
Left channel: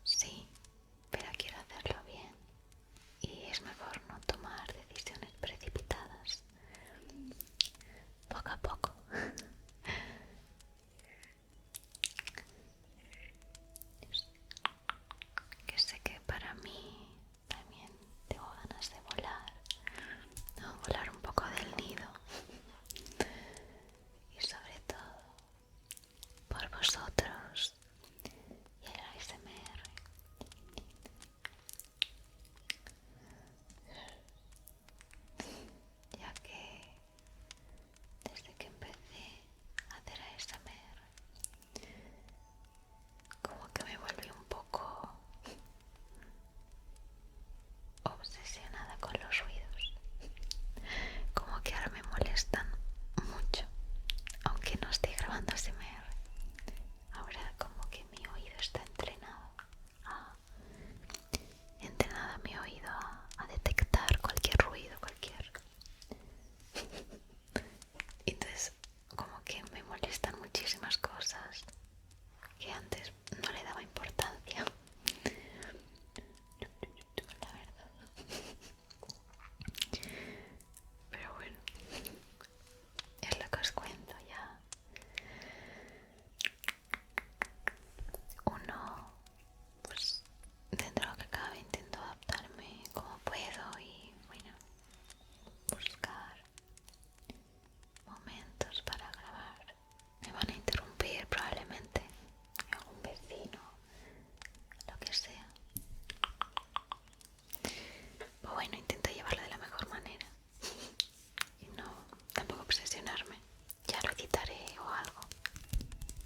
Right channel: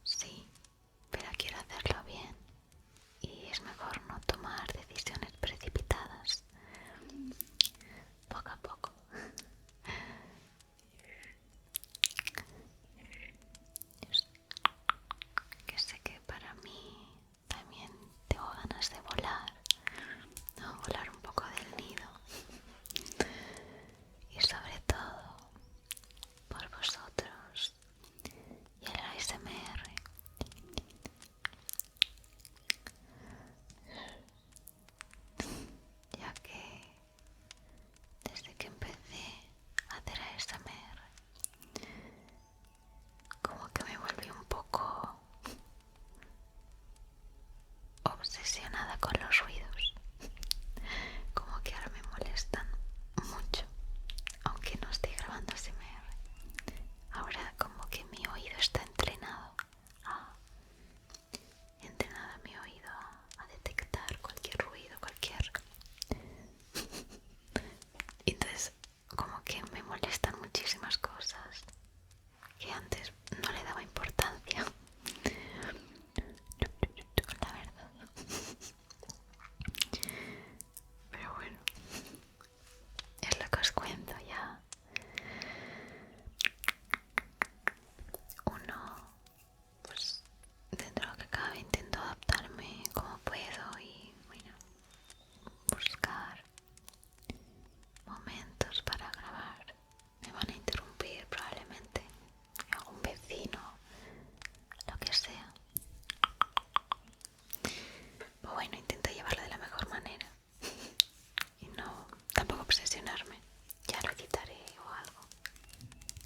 Sí, pero quiero hacerlo bien. Y es mejor no tomar decisiones precipitadas. Poco a poco. Que sé que para mí también tengo ganas de volar. No, volar un poco del nido. Y sobre todo por vosotros y el ASMR. Ya que desde que empecé a hacer ASMR, como que me volví un poco obsesionada con los ruidos. Como que ahora me molestan mucho, aunque no esté grabando ASMR. Ahora como que mi oído está entrenado mi oído a detectar cualquier ruido, cualquier... Entonces como que me molestan muchísimas cosas que antes no le daba importancia, la verdad. Pero bueno, es lo que os cuento ya. Uno, pues dentro de lo que cabe intento adaptarme como puedo y bueno, buscar momentos para grabar. Me van a interrumpir probablemente algún vecino, lo que sea. Pero bueno, intento llevarlo de la mejor manera y no tampoco obsesionarme. Ya lo quitaré o algo.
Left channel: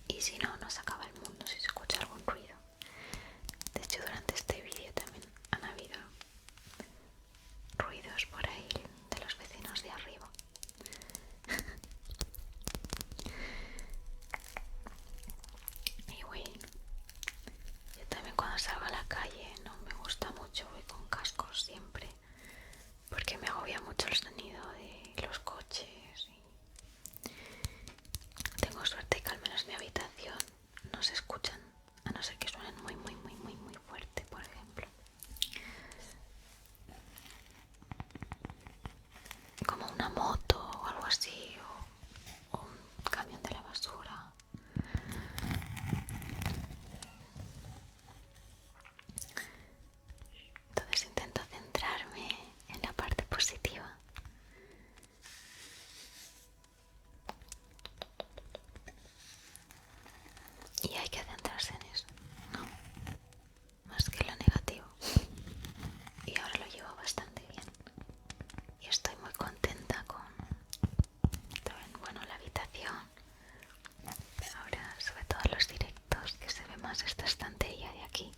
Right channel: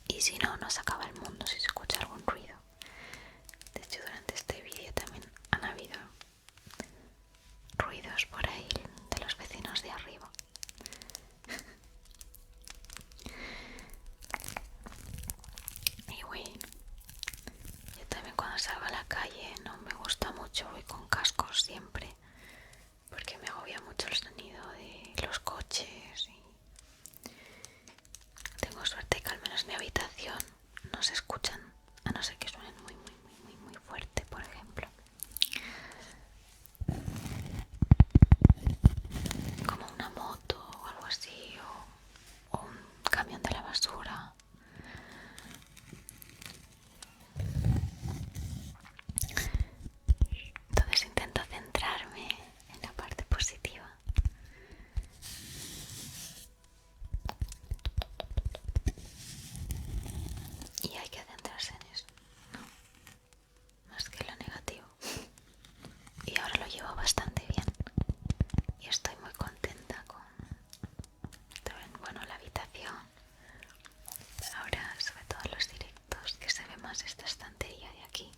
Y si no, no se acaba el mundo si se escucha algún ruido. De hecho, durante este vídeo también han habido ruidos por ahí de los vecinos de arriba. Y bueno, yo también cuando salgo a la calle no me gusta mucho, voy con cascos siempre, porque me agobia mucho el sonido de los coches. Y tengo suerte que al menos en mi habitación no se escuchan, a no ser que suenen muy fuerte, por ejemplo. Como una moto o algo así, o un camión de la basura. Entonces intento centrarme en la parte positiva. Y hay que centrarse en eso, ¿no? Más que lo negativo. Y ahora lo llevo bastante bien. Y estoy muy contenta con también, bueno, la habitación. Ahora, sobre todo los directos, que se ve más esta estantería de aquí,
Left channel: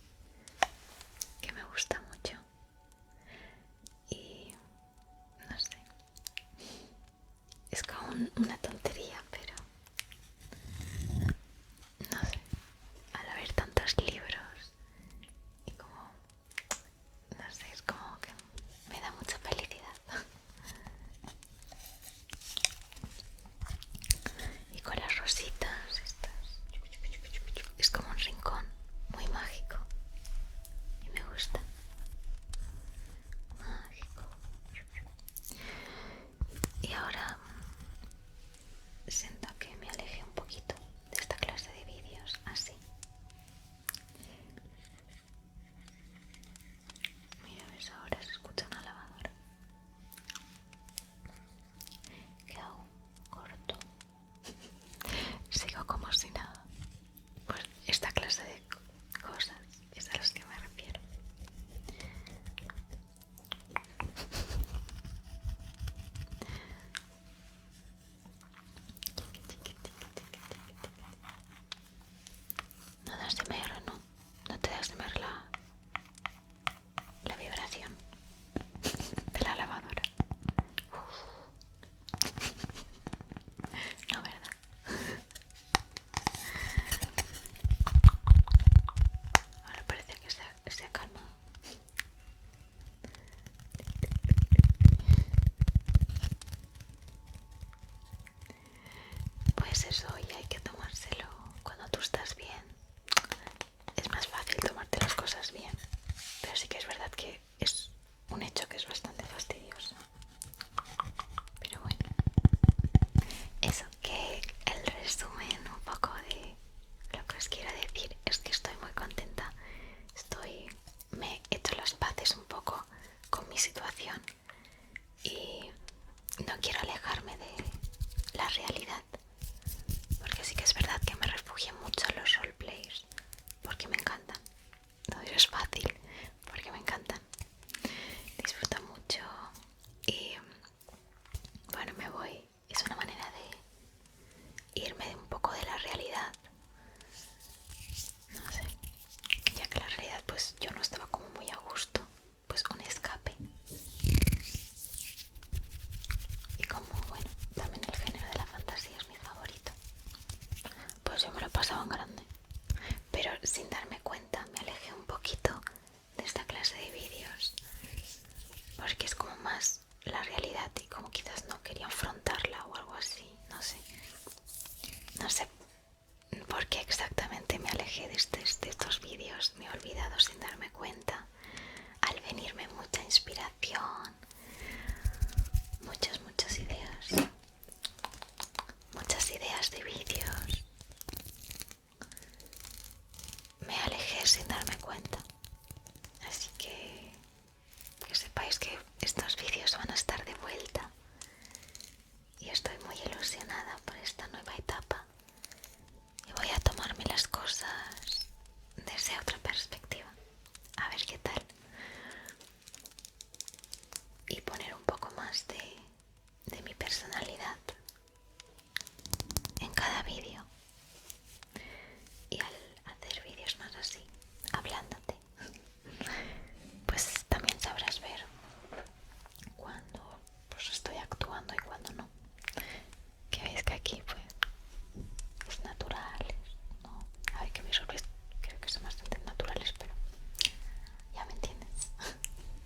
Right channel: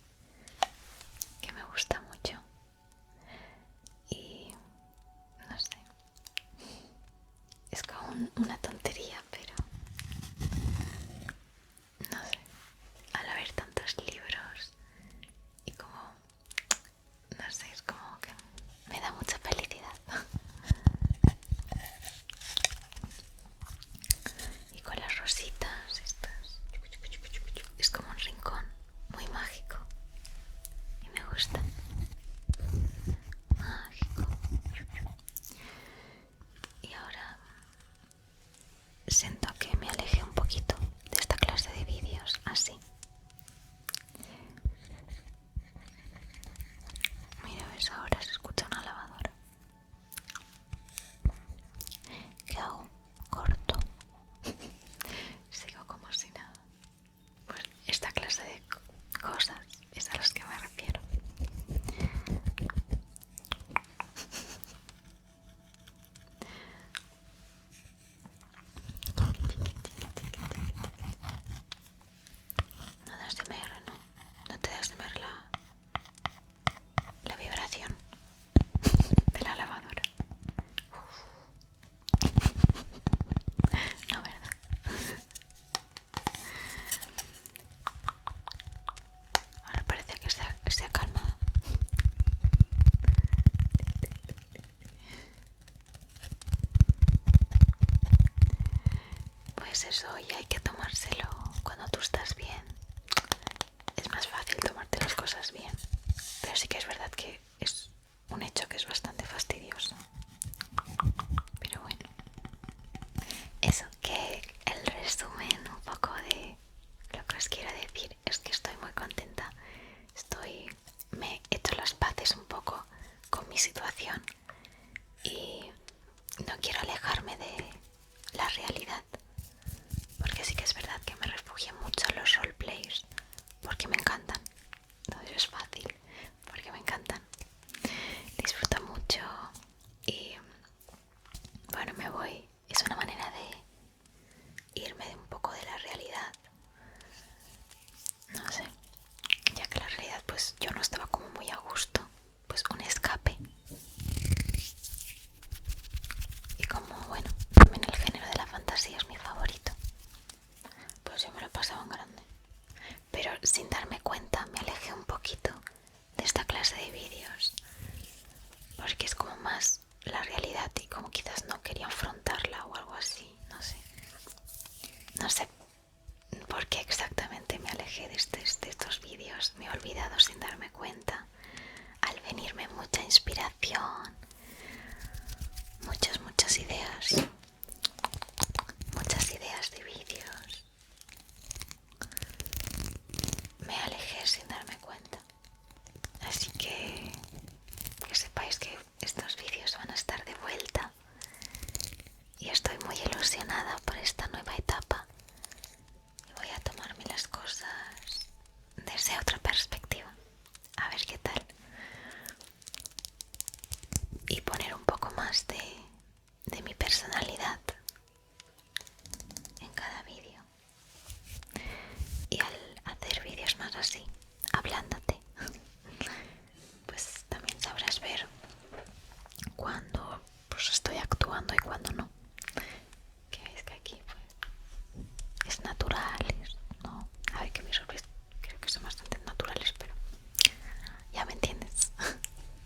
que me gusta mucho. Y no sé, es como una tontería, pero no sé, al haber tantos libros y como, no sé, es como que me da mucha felicidad. Y con las rositas estas, es como un rincón muy mágico y me gusta. Mágico. Y ahora siento que me aleje un poquito de esta clase de vídeos así. Mira, ves, ahora se escucha una lavadora. ¿Qué hago? Corto. Sigo como si nada. Pues esta clase de cosas es a las que me refiero. No das de mer, ¿no? No te das de mer la vibración de la lavadora. No, ¿verdad? porque me encantan. No es fácil, porque me encantan. Disfruto mucho y bueno, me voy. Es una manera de irme un poco de la realidad. No sé, ya que la realidad pues yo no estaba como muy a gusto. Pues un escape. Y como bueno, también el género de la fantasía es mi favorito, pues yo me lo pasaba en grande. Pero sin darme cuenta me alejé un poquito de esta clase de vídeos porque es como más la realidad y como quizás no quería afrontarla o algo así, no sé. No sé por qué exactamente me alejé de estos vídeos, me he olvidado sin darme cuenta. Al venirme mucha inspiración, muchas ideas de vídeos, me alejé sin darme cuenta. Así que sepáis que estos vídeos van a estar de vuelta y estoy muy ilusionada por esta nueva etapa y voy a tomarme las cosas desde otra perspectiva, a ver qué tal, y poner un poco más de mi personalidad en cada vídeo. Y al hacer vídeos más así, hablándote, pues también sabrás ver cuando pues estoy actuando y cuando no. Que veis que aquí pues es naturales, ¿no? A ver, que mis sorpresas creo que son bastante naturales, pero ya me entiendes.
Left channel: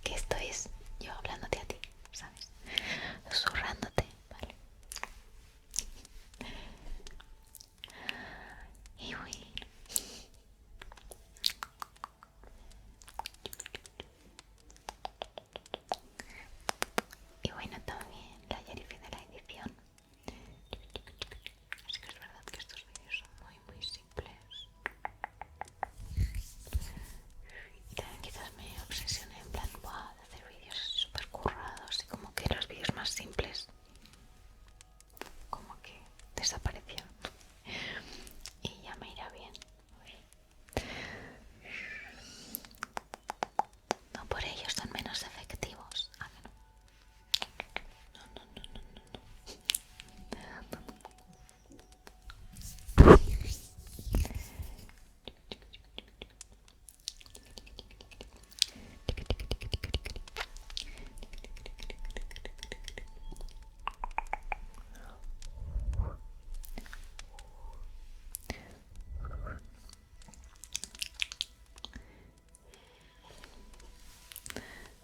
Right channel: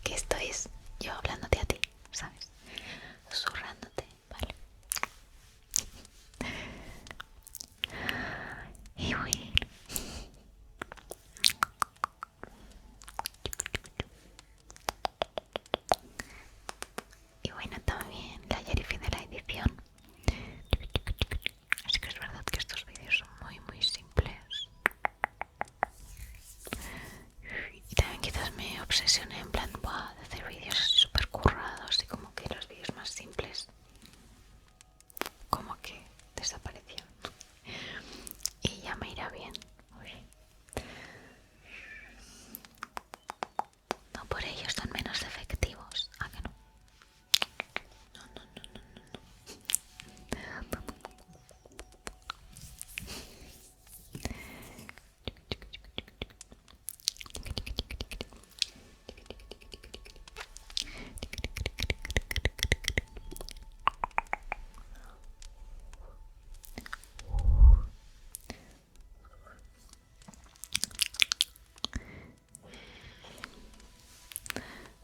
Que esto es yo hablándote a ti, ¿sabes? Susurrándote, ¿vale? Y bueno, también la Yerifi de la edición. Así que es verdad que estos vídeos son muy simples. Y también quizás me obsesioné en plan, wow, de hacer vídeos así súper currados y como que los vídeos más simples como que desaparecieron. Y ya me irá bien. No por ello son menos efectivos. ¿A que no?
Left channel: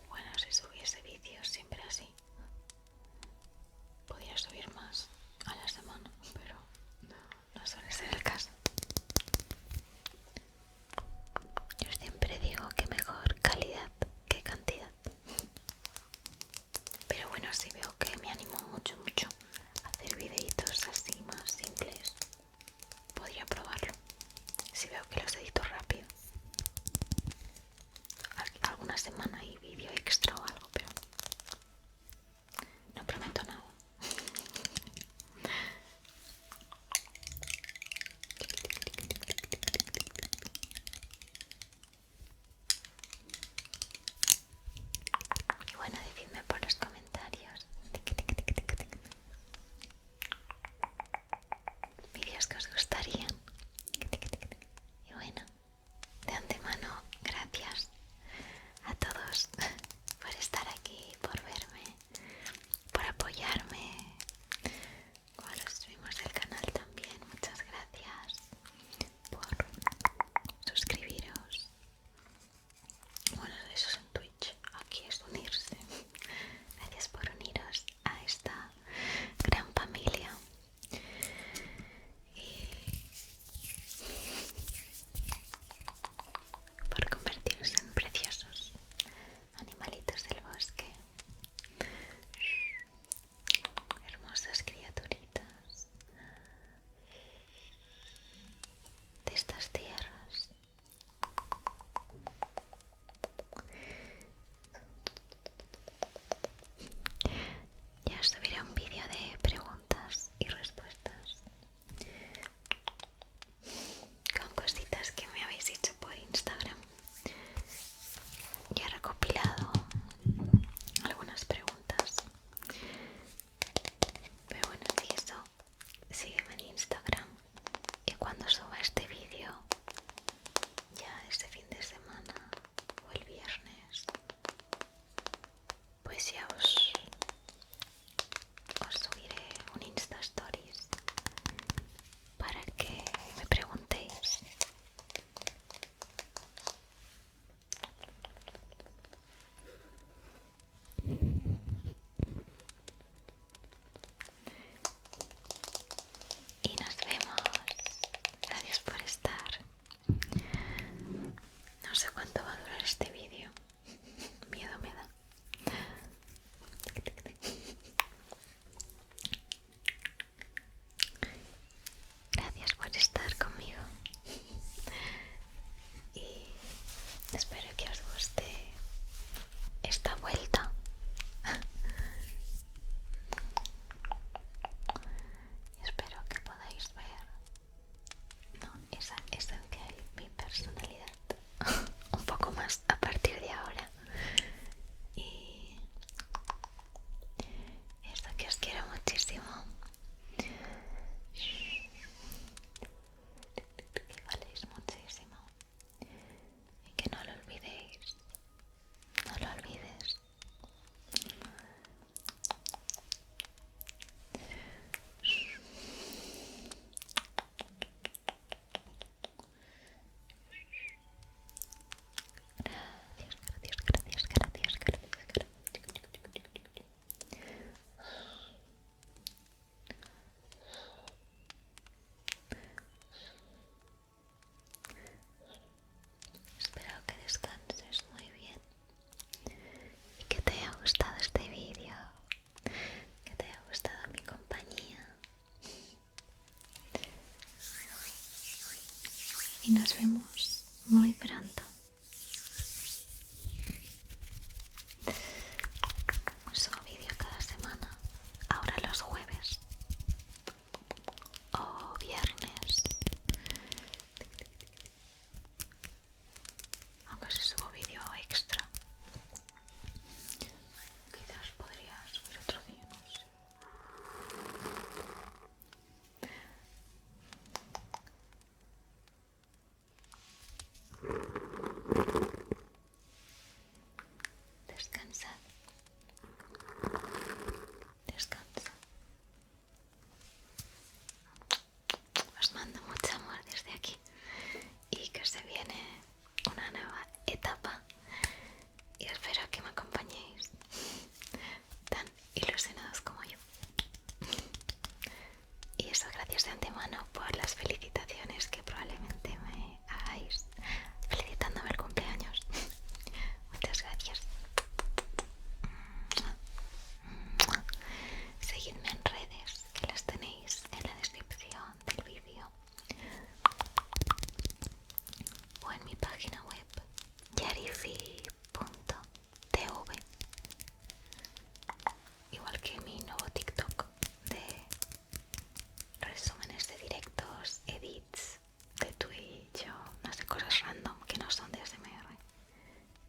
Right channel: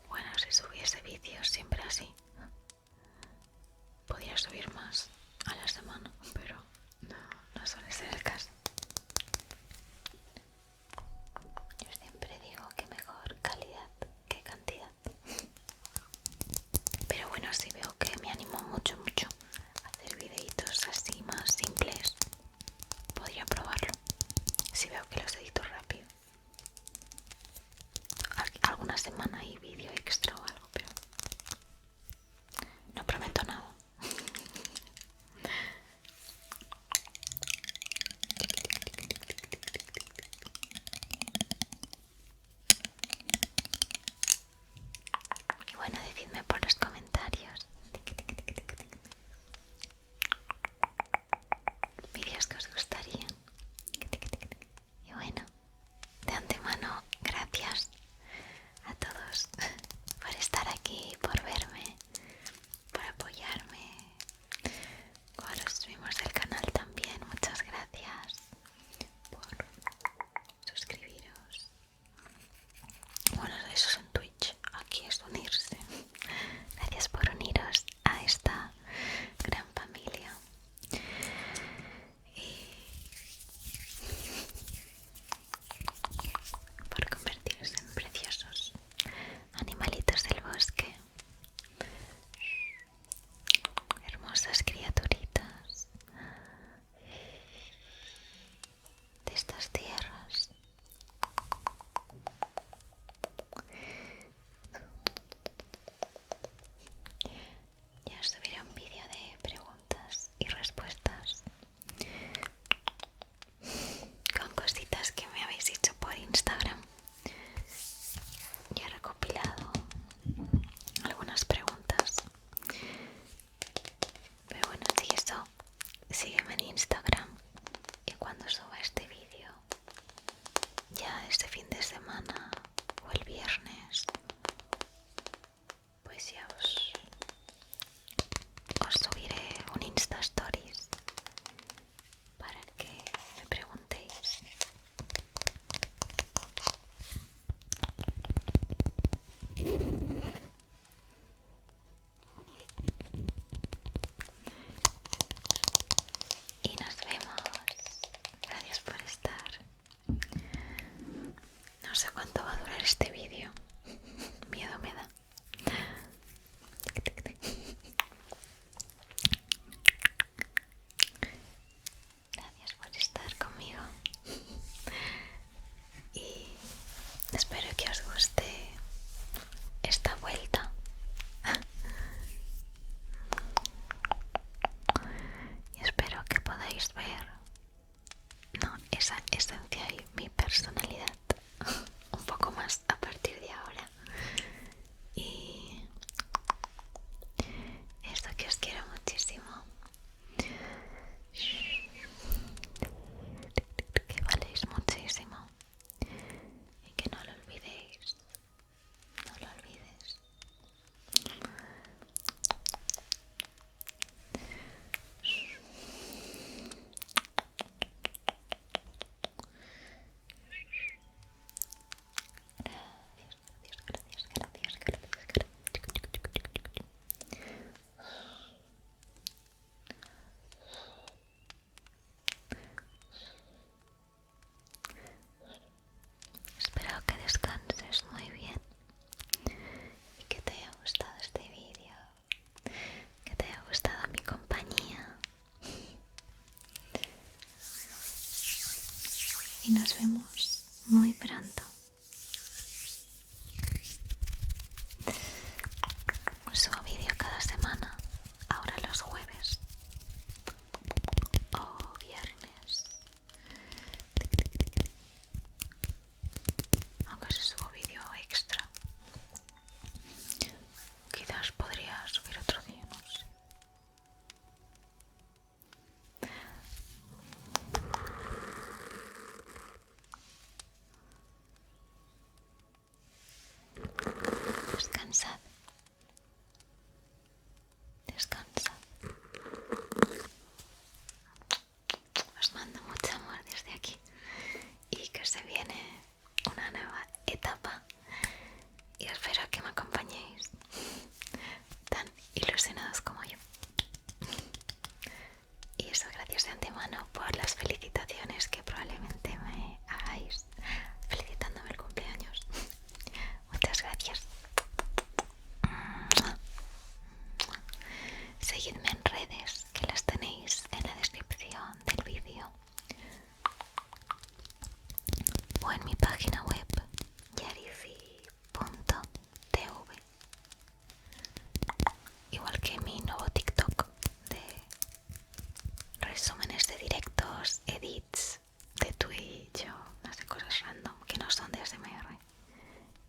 Bueno, si subiese vídeos siempre así, podría subir más a la semana, pero no suele ser el caso. Yo siempre digo que mejor calidad que cantidad. Pero bueno, si veo que me animo mucho a hacer videitos así más simples, podría probarlo. Si veo que los edito rápido. Alguna semana hay vídeo extra o algo, pero no prometo nada. Y bueno, decidme por los comentarios vídeos que os gustarían. Y bueno, de antemano, gracias a todos No sé cuánto va a durar este vídeo. Miedo me da. Gracias por estar conmigo. Y espero que os guste esta vuelta. Y espero que podáis ver, ¿no?, esa esencia y mi personalidad un poco más a partir de ahora. Y esto, que os quiero muchísimo, que valéis muchísimo y que no lo olvidéis, no lo olvides. Gracias. Espero que descanses muy bien y que te haya gustado este vídeo, que te haya gustado mi compañía. Y nos vemos muy pronto. Subo vídeo cada semana, ahora los jueves o viernes, aunque si subo vídeo extra quizás podría subir otro día, no sé. Descansad, descansa. Os mando mucho amor desde aquí y que se viene una nueva etapa y espero que me acompañéis tan ilusionados como yo. Y eso, gracias de antemano por las felicitaciones que probablemente me hagáis felicitándome el cumpleaños. Muchas gracias. Seguidme en redes, que las tenéis en la descripción del vídeo o en mi página web yarifi.tv, igual que mi nuevo TikTok de resúmenes de directos, edits de Twitch o no sé, cosas random que no son de ASMR.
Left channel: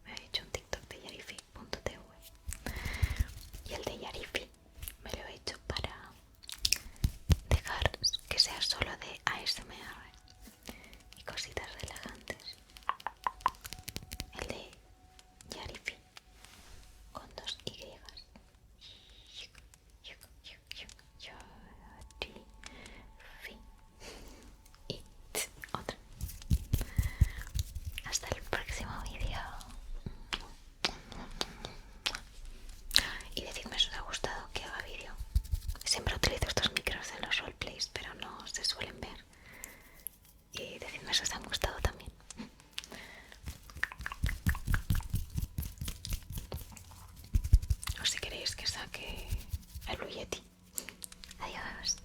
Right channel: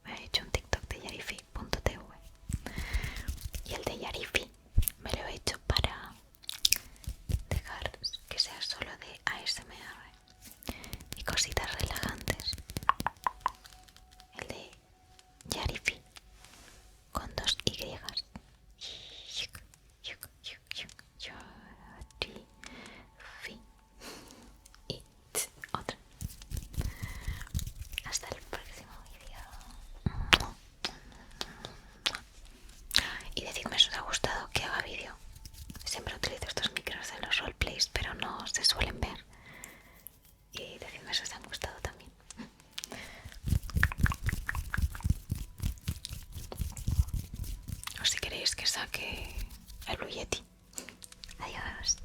Me he hecho un TikTok de yarifi.tv y el de Yarifi me lo he hecho para dejar que sea solo de ASMR y cositas relajantes. El de Yarifi con 2 Y. Yarifi. Y otra. Hasta el próximo vídeo. Y decidme si os ha gustado que haga vídeo. Siempre utilizo estos micros en los roleplays, pero no se suelen ver. Y decidme si os han gustado también. O si queréis que saque el Yeti. Adiós.